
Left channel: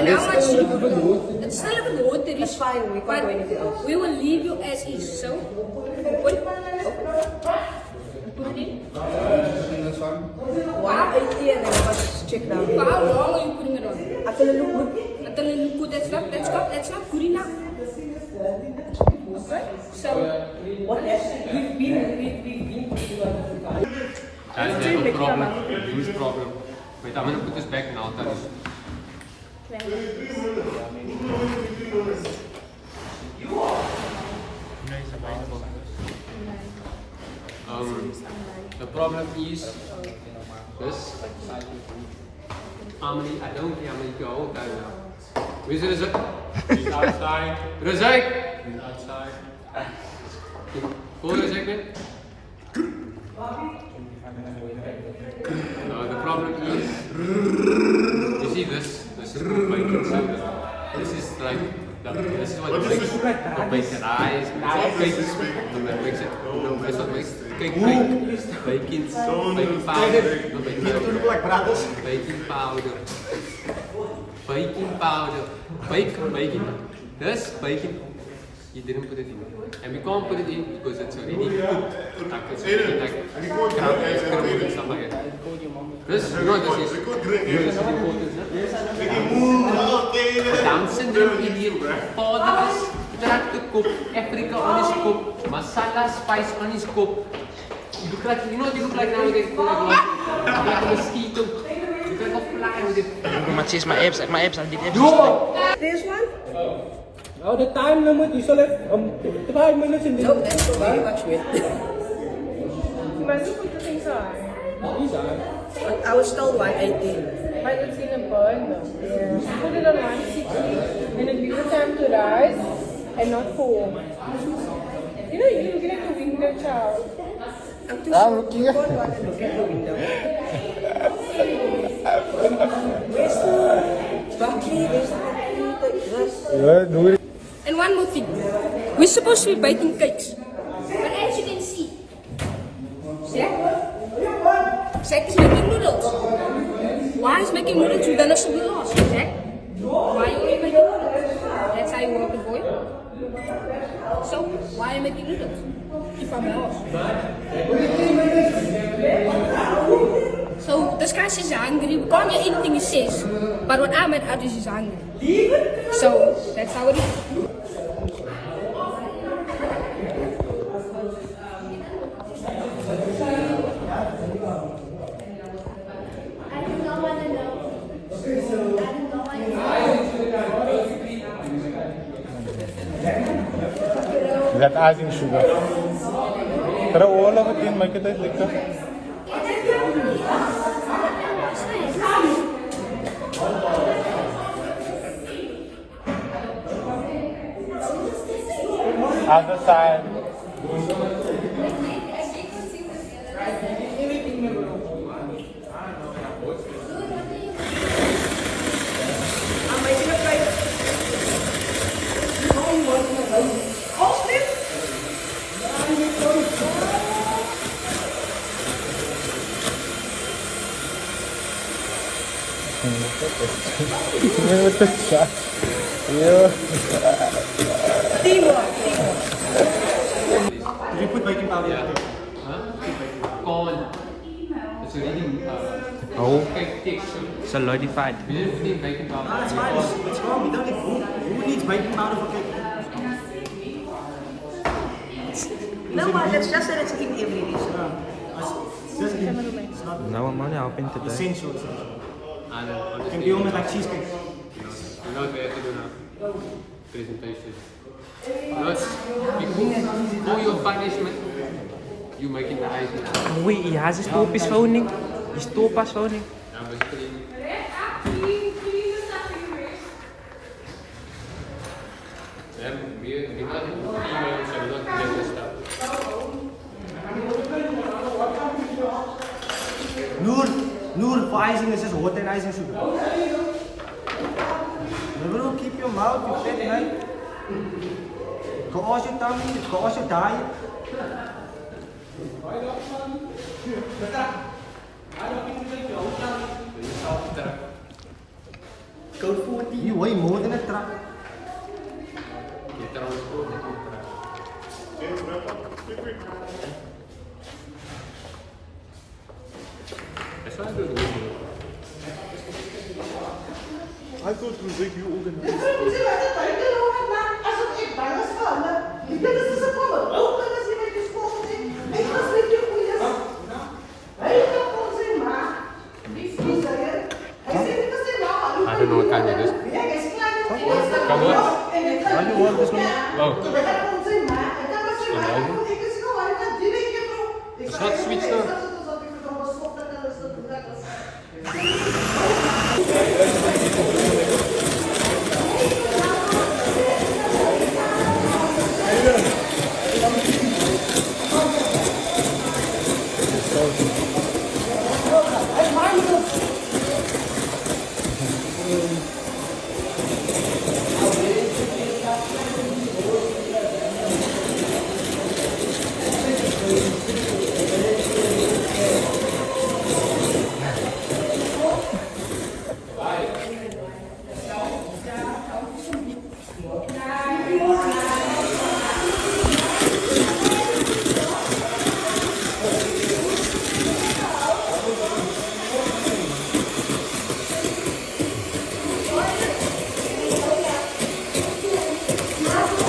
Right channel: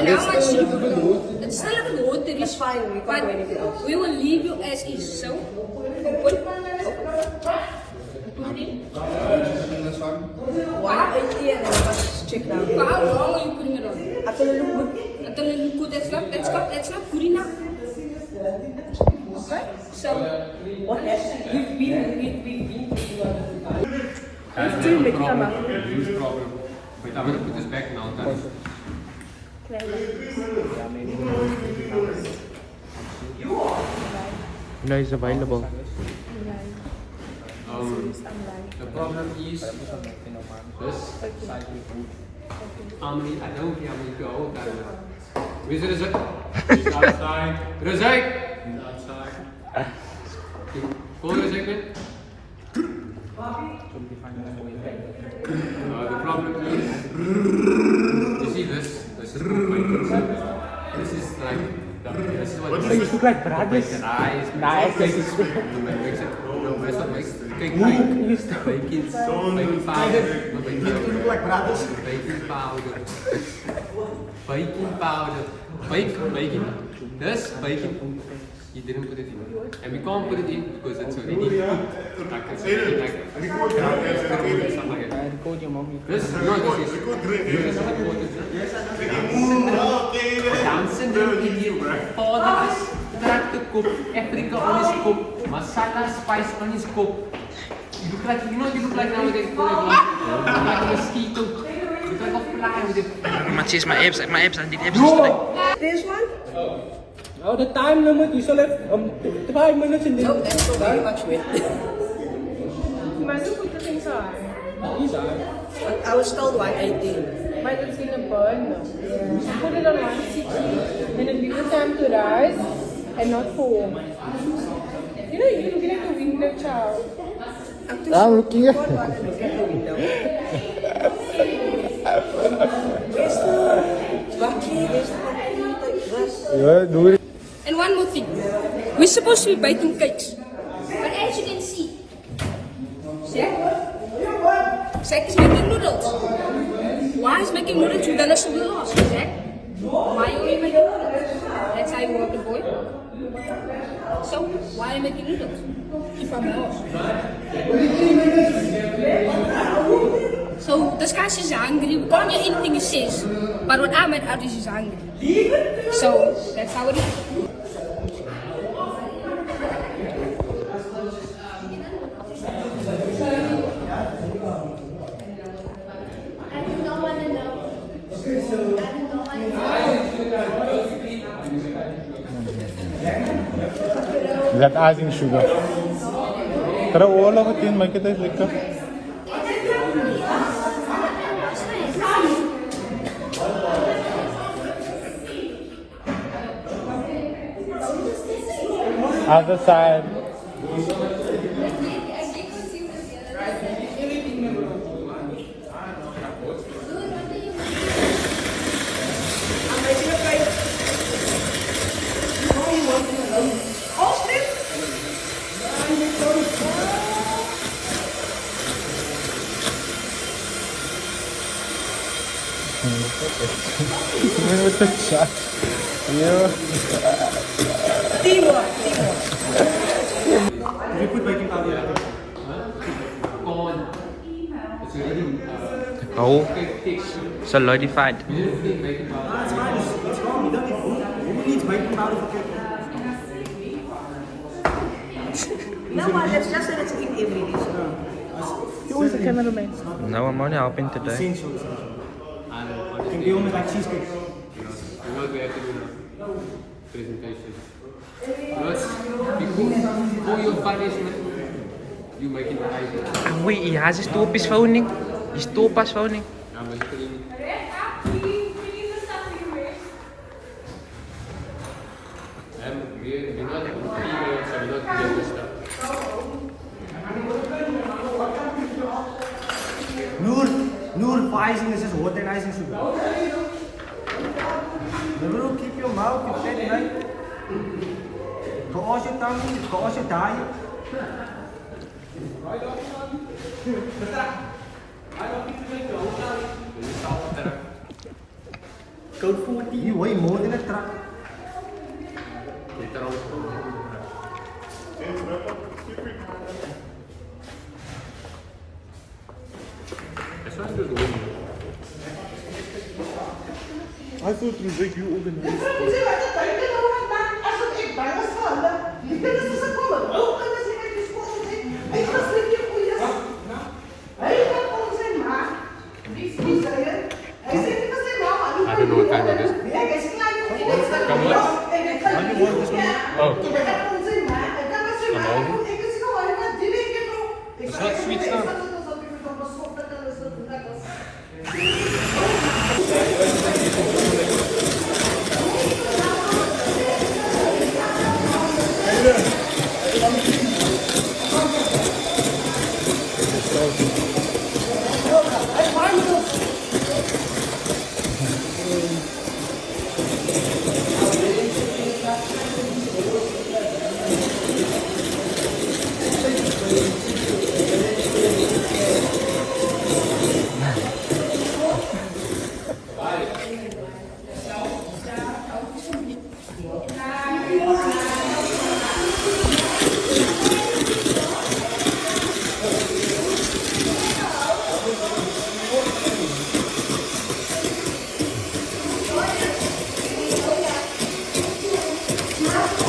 And how much? It's still a good water. It's fine. But we will leave you as is. So, open. Check now. How long are you putting it on? Until you look good. That's not good enough. Okay. So, what else? That's a problem. Huge problem. Wait, I'm gonna put this back now. No, it's available. The problem is this. I don't care how many to hold that now. Where's Razak? He's outside. Razak! He's outside. Call Razak then. The problem is, you see this? This is called bacon soda. This is like, this is what makes the bacon rice, bacon sweet, makes it, no, that's what makes cake bacon powder, not bacon powder, baking powder, bacon, this bacon, you didn't put it in. And we can't put it in because it's already cooked. Like it's already like scrambled and stuff like that. This is important. Down syndrome idiom. Fatherless, track the cook, Africa on his cook, masala spice on his cook. You look like, you know what you look like nowadays? You look like a mosquito. You look like a fly with it. Matches my abs are the abs. No! This one? Oh, the time limit, you still have 5 minutes in the No, that's so very much weight. You must put the things on. These are. I was told 118. But it's gonna burn though. Yeah. You put it on 160, then it gives it time to rise and not fall. You know, you're looking at the window, child. I'm too short. You don't want to look at the window. Ja, doe het. And one more thing. We're supposed to be baking cakes. But as you can see, see? Zack is making noodles. Why is making noodles? You done a little lost, Zack. Why are you making noodles? That's how you want the boy. So, why are you making noodles? You probably lost. So, this guy says hungry. We can't hear anything he says. But what I'm at is he's hungry. So, that's how it is. That icing sugar. Throw all of it in, make it taste lekker. Other side. What the fuck? Teamwork. You put baking powder in it. Corn. It's already Oh, cake texture. solidified. We didn't put in baking powder. That's fine. It's wrong. We don't need, who needs baking powder for cake? No, but it's just that it's in every dish. No, I'm only helping today. Essential. And then Can honestly, be almost like cheesecake. you know what we have to do now? Presentation. Plus, for your punishment, you making the ice. Wait, ja, ze stop is phoning. Die stop is phoning. I'm basically. And we're not 3 minutes, so we're not doing this stuff. Noor, for icing is just water and icing sugar. Remember, keep your mouth, you fat right? Go wash your tummy, go wash your diet. Code 40, you weigh more than a truck. That's why I do the window. I thought it was like you organized. I don't know what kind it is. Come on. How do you want this one? Oh. Amazing. It's not sweet stuff.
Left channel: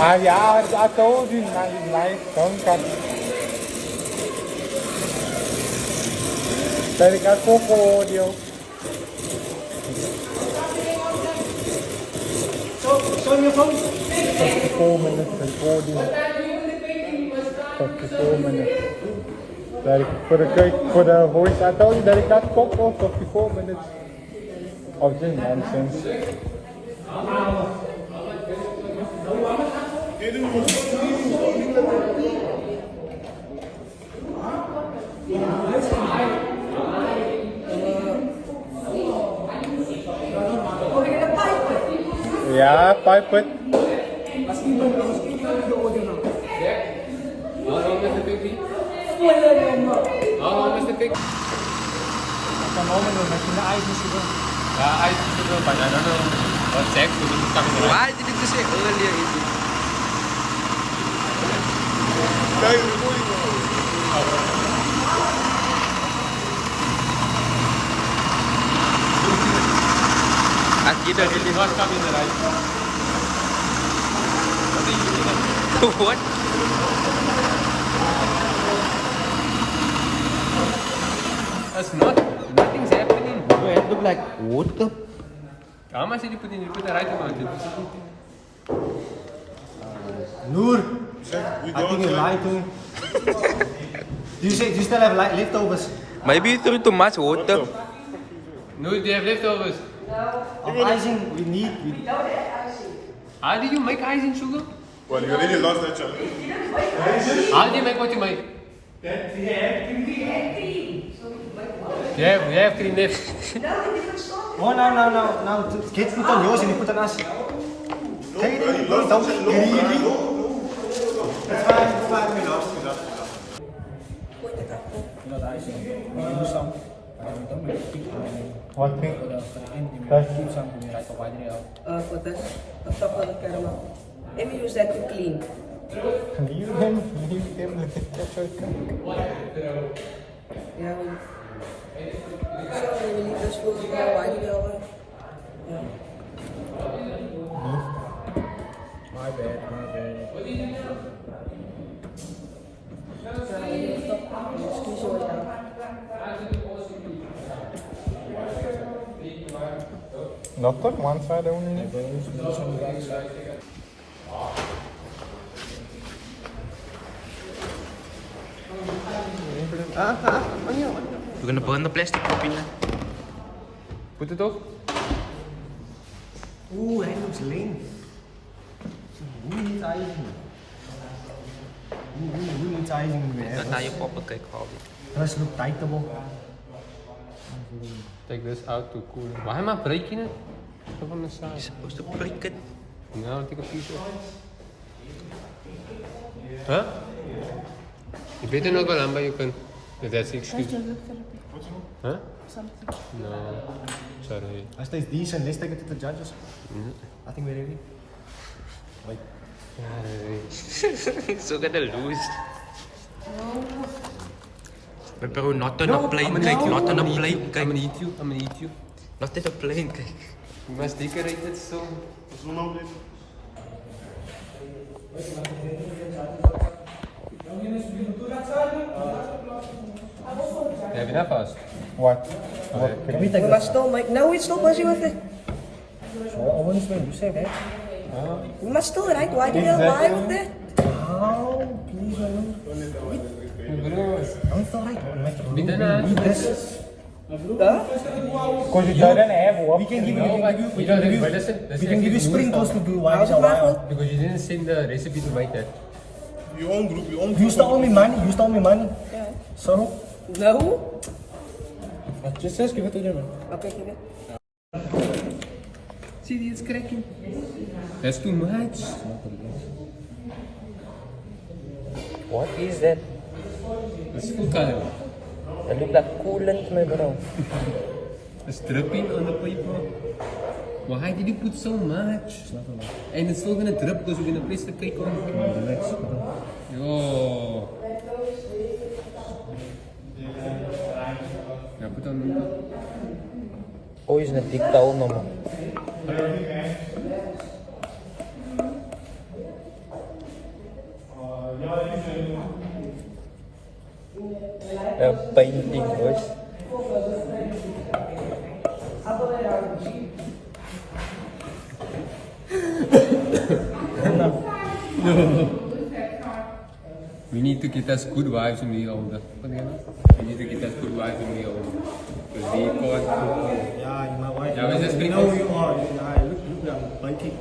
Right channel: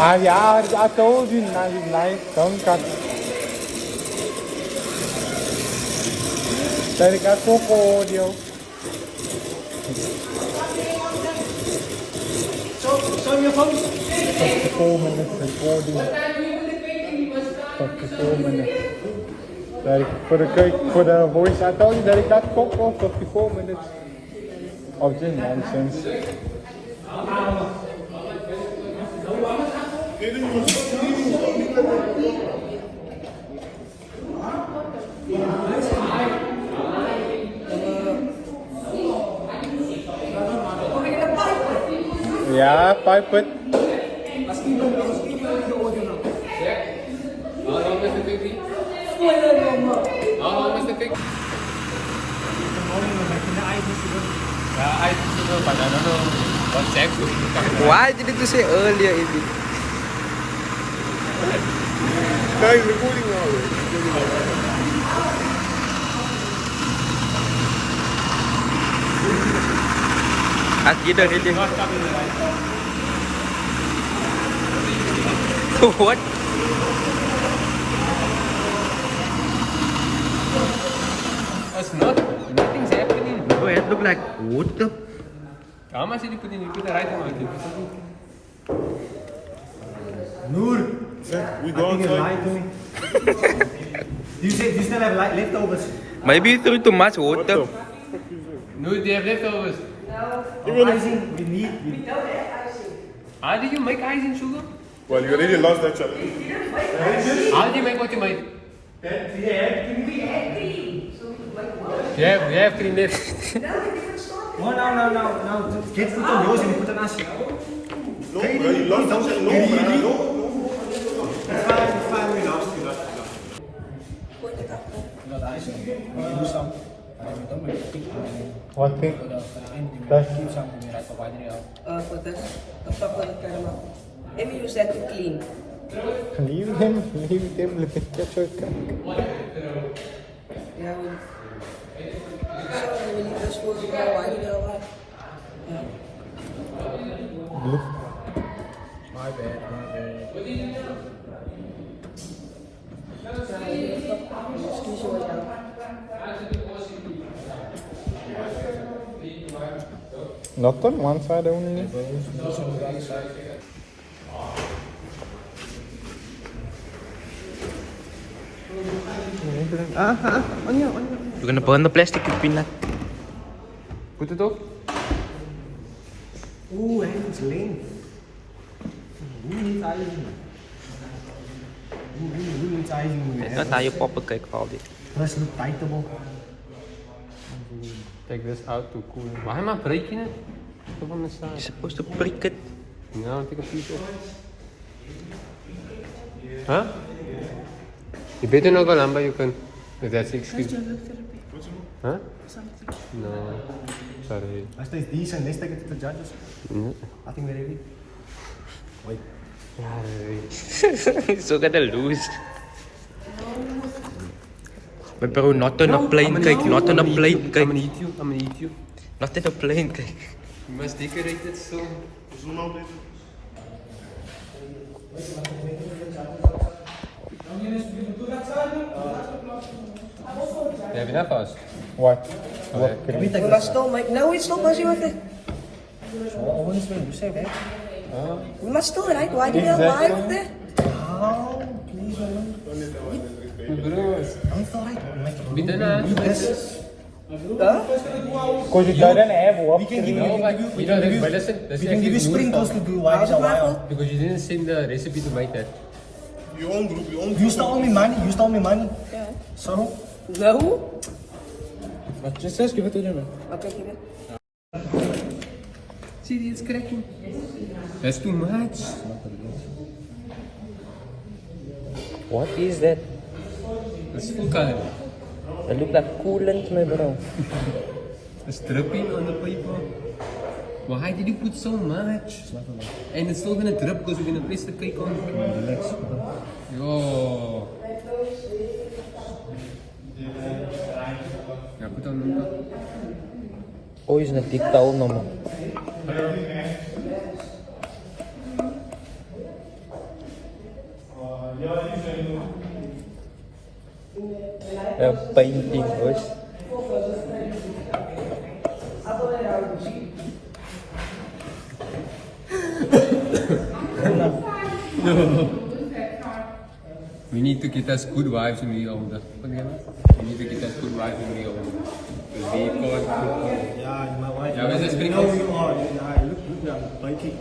Ah, yeah, I told you, nice, don't cut. Dari kat koko dia. Show your phone. 54 minutes recording. 54 minutes. Dari, for the voice, I told you, dari kat koko, 54 minutes. Of just nonsense. Yeah, 5 foot. How long is the baby? How long is the baby? Yeah, I don't know, but I don't know what sex to be coming. Why didn't you say earlier, Eddie? Get a really Not coming right. what? That's nothing's happening. Oh, it look like water. How much did you put in? You put the right amount in. Noor, I think you lied to me. You still have leftovers? Maybe you threw too much water. No, do you have leftovers? Even using we need. How did you make icing sugar? Well, you already lost that chapter. How did you make what you made? Yeah, we have cream left. Oh, no. Get put on yours and you put on us. Okay, You lost that chapter. No. It's fine, we lost. What thing? For this, a couple of caramel. And use that to clean. Leave them with the ketchup. Yeah. So we need this for the white. My bad. Excuse you now. Not on one side only. You're gonna burn the plastic, you peanut. Put it off. Oeh, hij looks lean. Hoe niet icing? Hoe niet icing? That's how you pop a cake all day. Does look tightable. Take this out to cool. Why am I breaking it? Up on the You're side. supposed to break it. No, take a piece off. Huh? You better not go lumber, you can. If that's the excuse. Huh? No. Sorry. As stays decent, let's take it to the judges. No. I think we're ready. Wait. So gonna lose. But bro, not on a plain cake, not on a plain I'm cake. gonna eat you. I'm gonna eat you. Not on a plain cake. You must decorate it so. Have you enough us? What? We must stop, Mike. No, it's not busy with it. Honestly, you say that. We must stop, right? Why do you lie with that? Because you didn't have work. No, but we don't. But that's actually Sprinkles to do why so why? because you didn't send the recipe to make that. Your own group, your own You stole me money. Yeah. So, No. just give it to them. I'll take it. See, it's cracking. That's too much. What is that? It's full color. It look like coolant, my bro. It's dripping on the paper. Why did you put so much? And it's still gonna drip because we're gonna place the cake on. Yo. Now put on the Oh, is een dik towel nummer. Painting, boys. We need to get us good wives when we're older. We need to get us good wives when we're older. Because they can't cook. Yeah, my wife. Yeah, we're just you know you are. Yeah, look, I'm biting.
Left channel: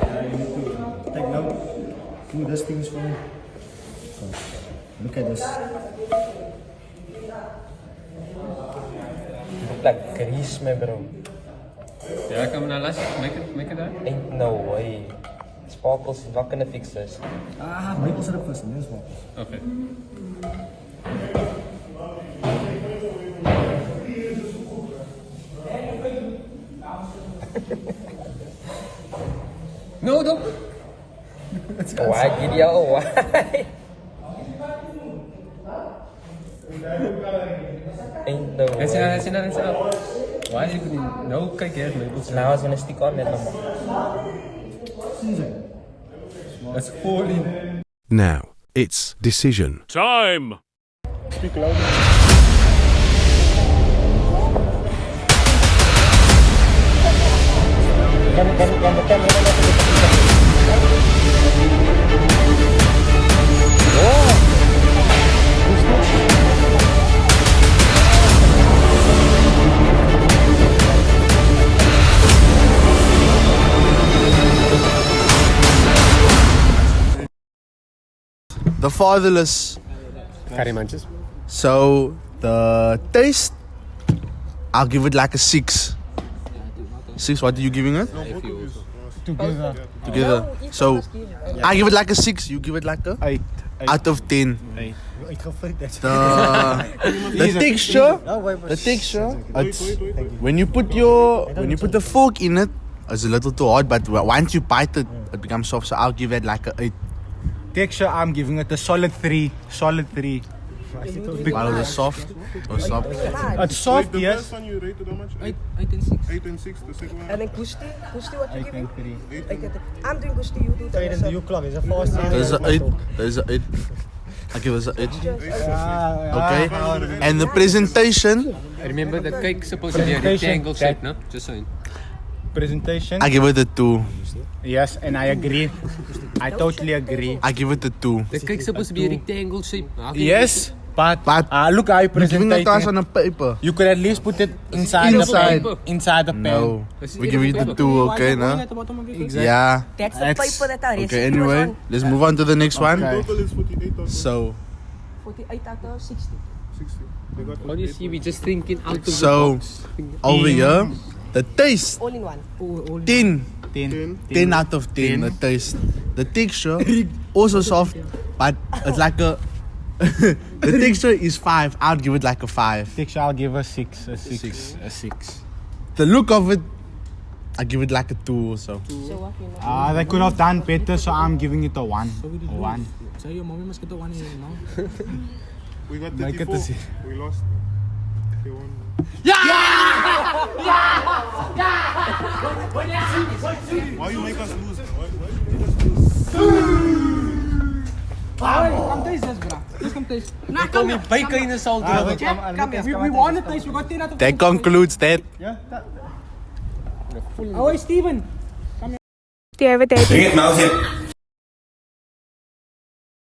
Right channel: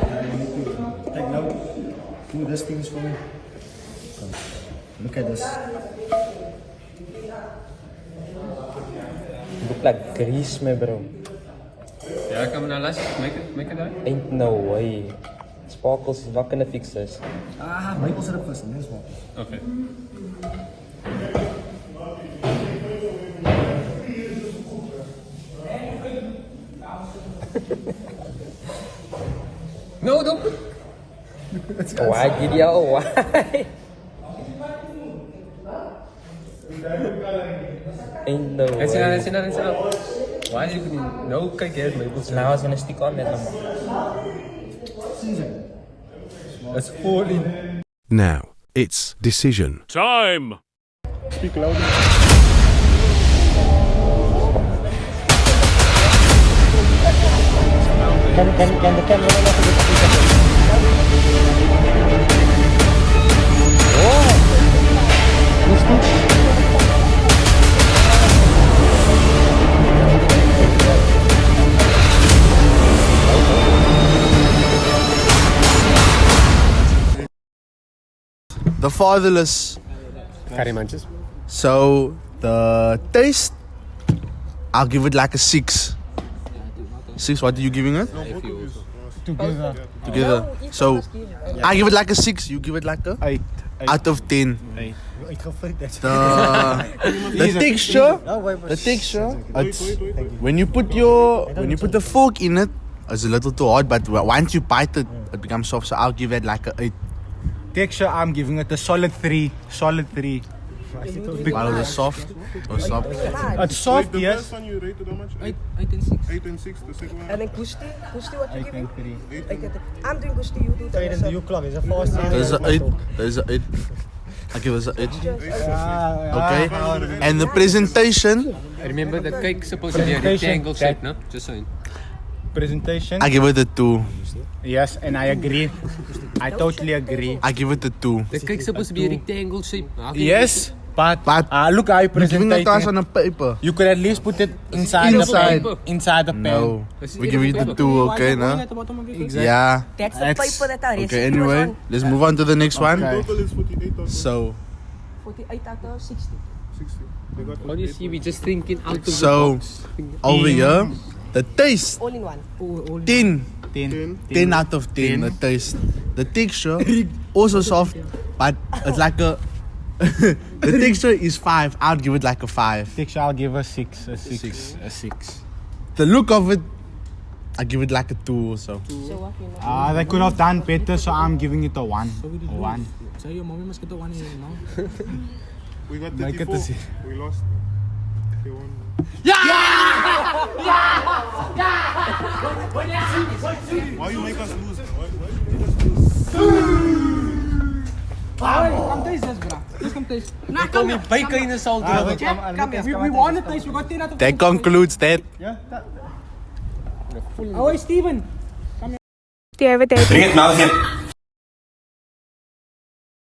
I need to take note. Do these things for me. So, look at this. Look like grease, my bro. Yeah, come on, let's make it that. Ain't no way. Sparkles is not gonna fix this. Maple syrup first, and then swap. Okay. No, don't put. Why, Gideon? Why? Ain't no way. That's enough. Why you no kijk eens maple syrup. Now it's gonna stick on that number. That's 14. Now, it's decision. Time! Speak louder. Can the cameraman also get a piece of it? Oh! The fatherless. Curry munches. So the taste, I'll give it like a 6. 6. What are you giving it? Together. So I give it like a 6. You give it like a 8. out of 10. 8. The texture, it's when you put the fork in it, it's a little too hard. But once you bite it, it becomes soft. So I'll give it like a 8. Texture, I'm giving it a solid 3. Solid 3. While it's soft or soft. It's soft, The yes. first one you rated how much? 8 and 6. 8 and 6. The second one? And then Kushti, what you 8 giving? and 3. I'm doing Kushti, you do that. Tweede de U-klok is een fast. There's an 8. There's an 8. I give it an 8. Okay. And the presentation, Remember the cake supposed to be a rectangle shape, no? Just saying. Presentation. I give it a 2. Yes, and I agree. I totally agree. I give it a 2. The cake's supposed to be a rectangle shape. Yes, but look how you You're giving present it to us it. on a paper. You could at least put it inside Inside. the pen. Inside the pen. No. We give it a 2, okay, no? Exactly. Yeah. That's the paper that I Okay, anyway, let's move on to the next one. Total is 48 out of So, 48 out of 60. 60. They got How do you see? We just thinking out of the so box. over here, the taste, All in one. 10. 10. 10 out of 10, the taste. The texture, also soft, but it's like a... the texture is 5. I'll give it like a 5. Texture, I'll give a 6. A 6. A 6. The look of it, I give it like a 2 or so. So what you know? They could have done better, so I'm giving it a 1. A 1. So your mommy must get the 1 here now. We got Make it 34. to see. We lost. They won. Why you make us lose? Why you make us lose? Come taste this, bro. Just come taste. Nah, come here. Bacon in the salt. Come here. We want to taste. We got 10 out of 10. That concludes that. Oh, hey, Steven. Do you have a date?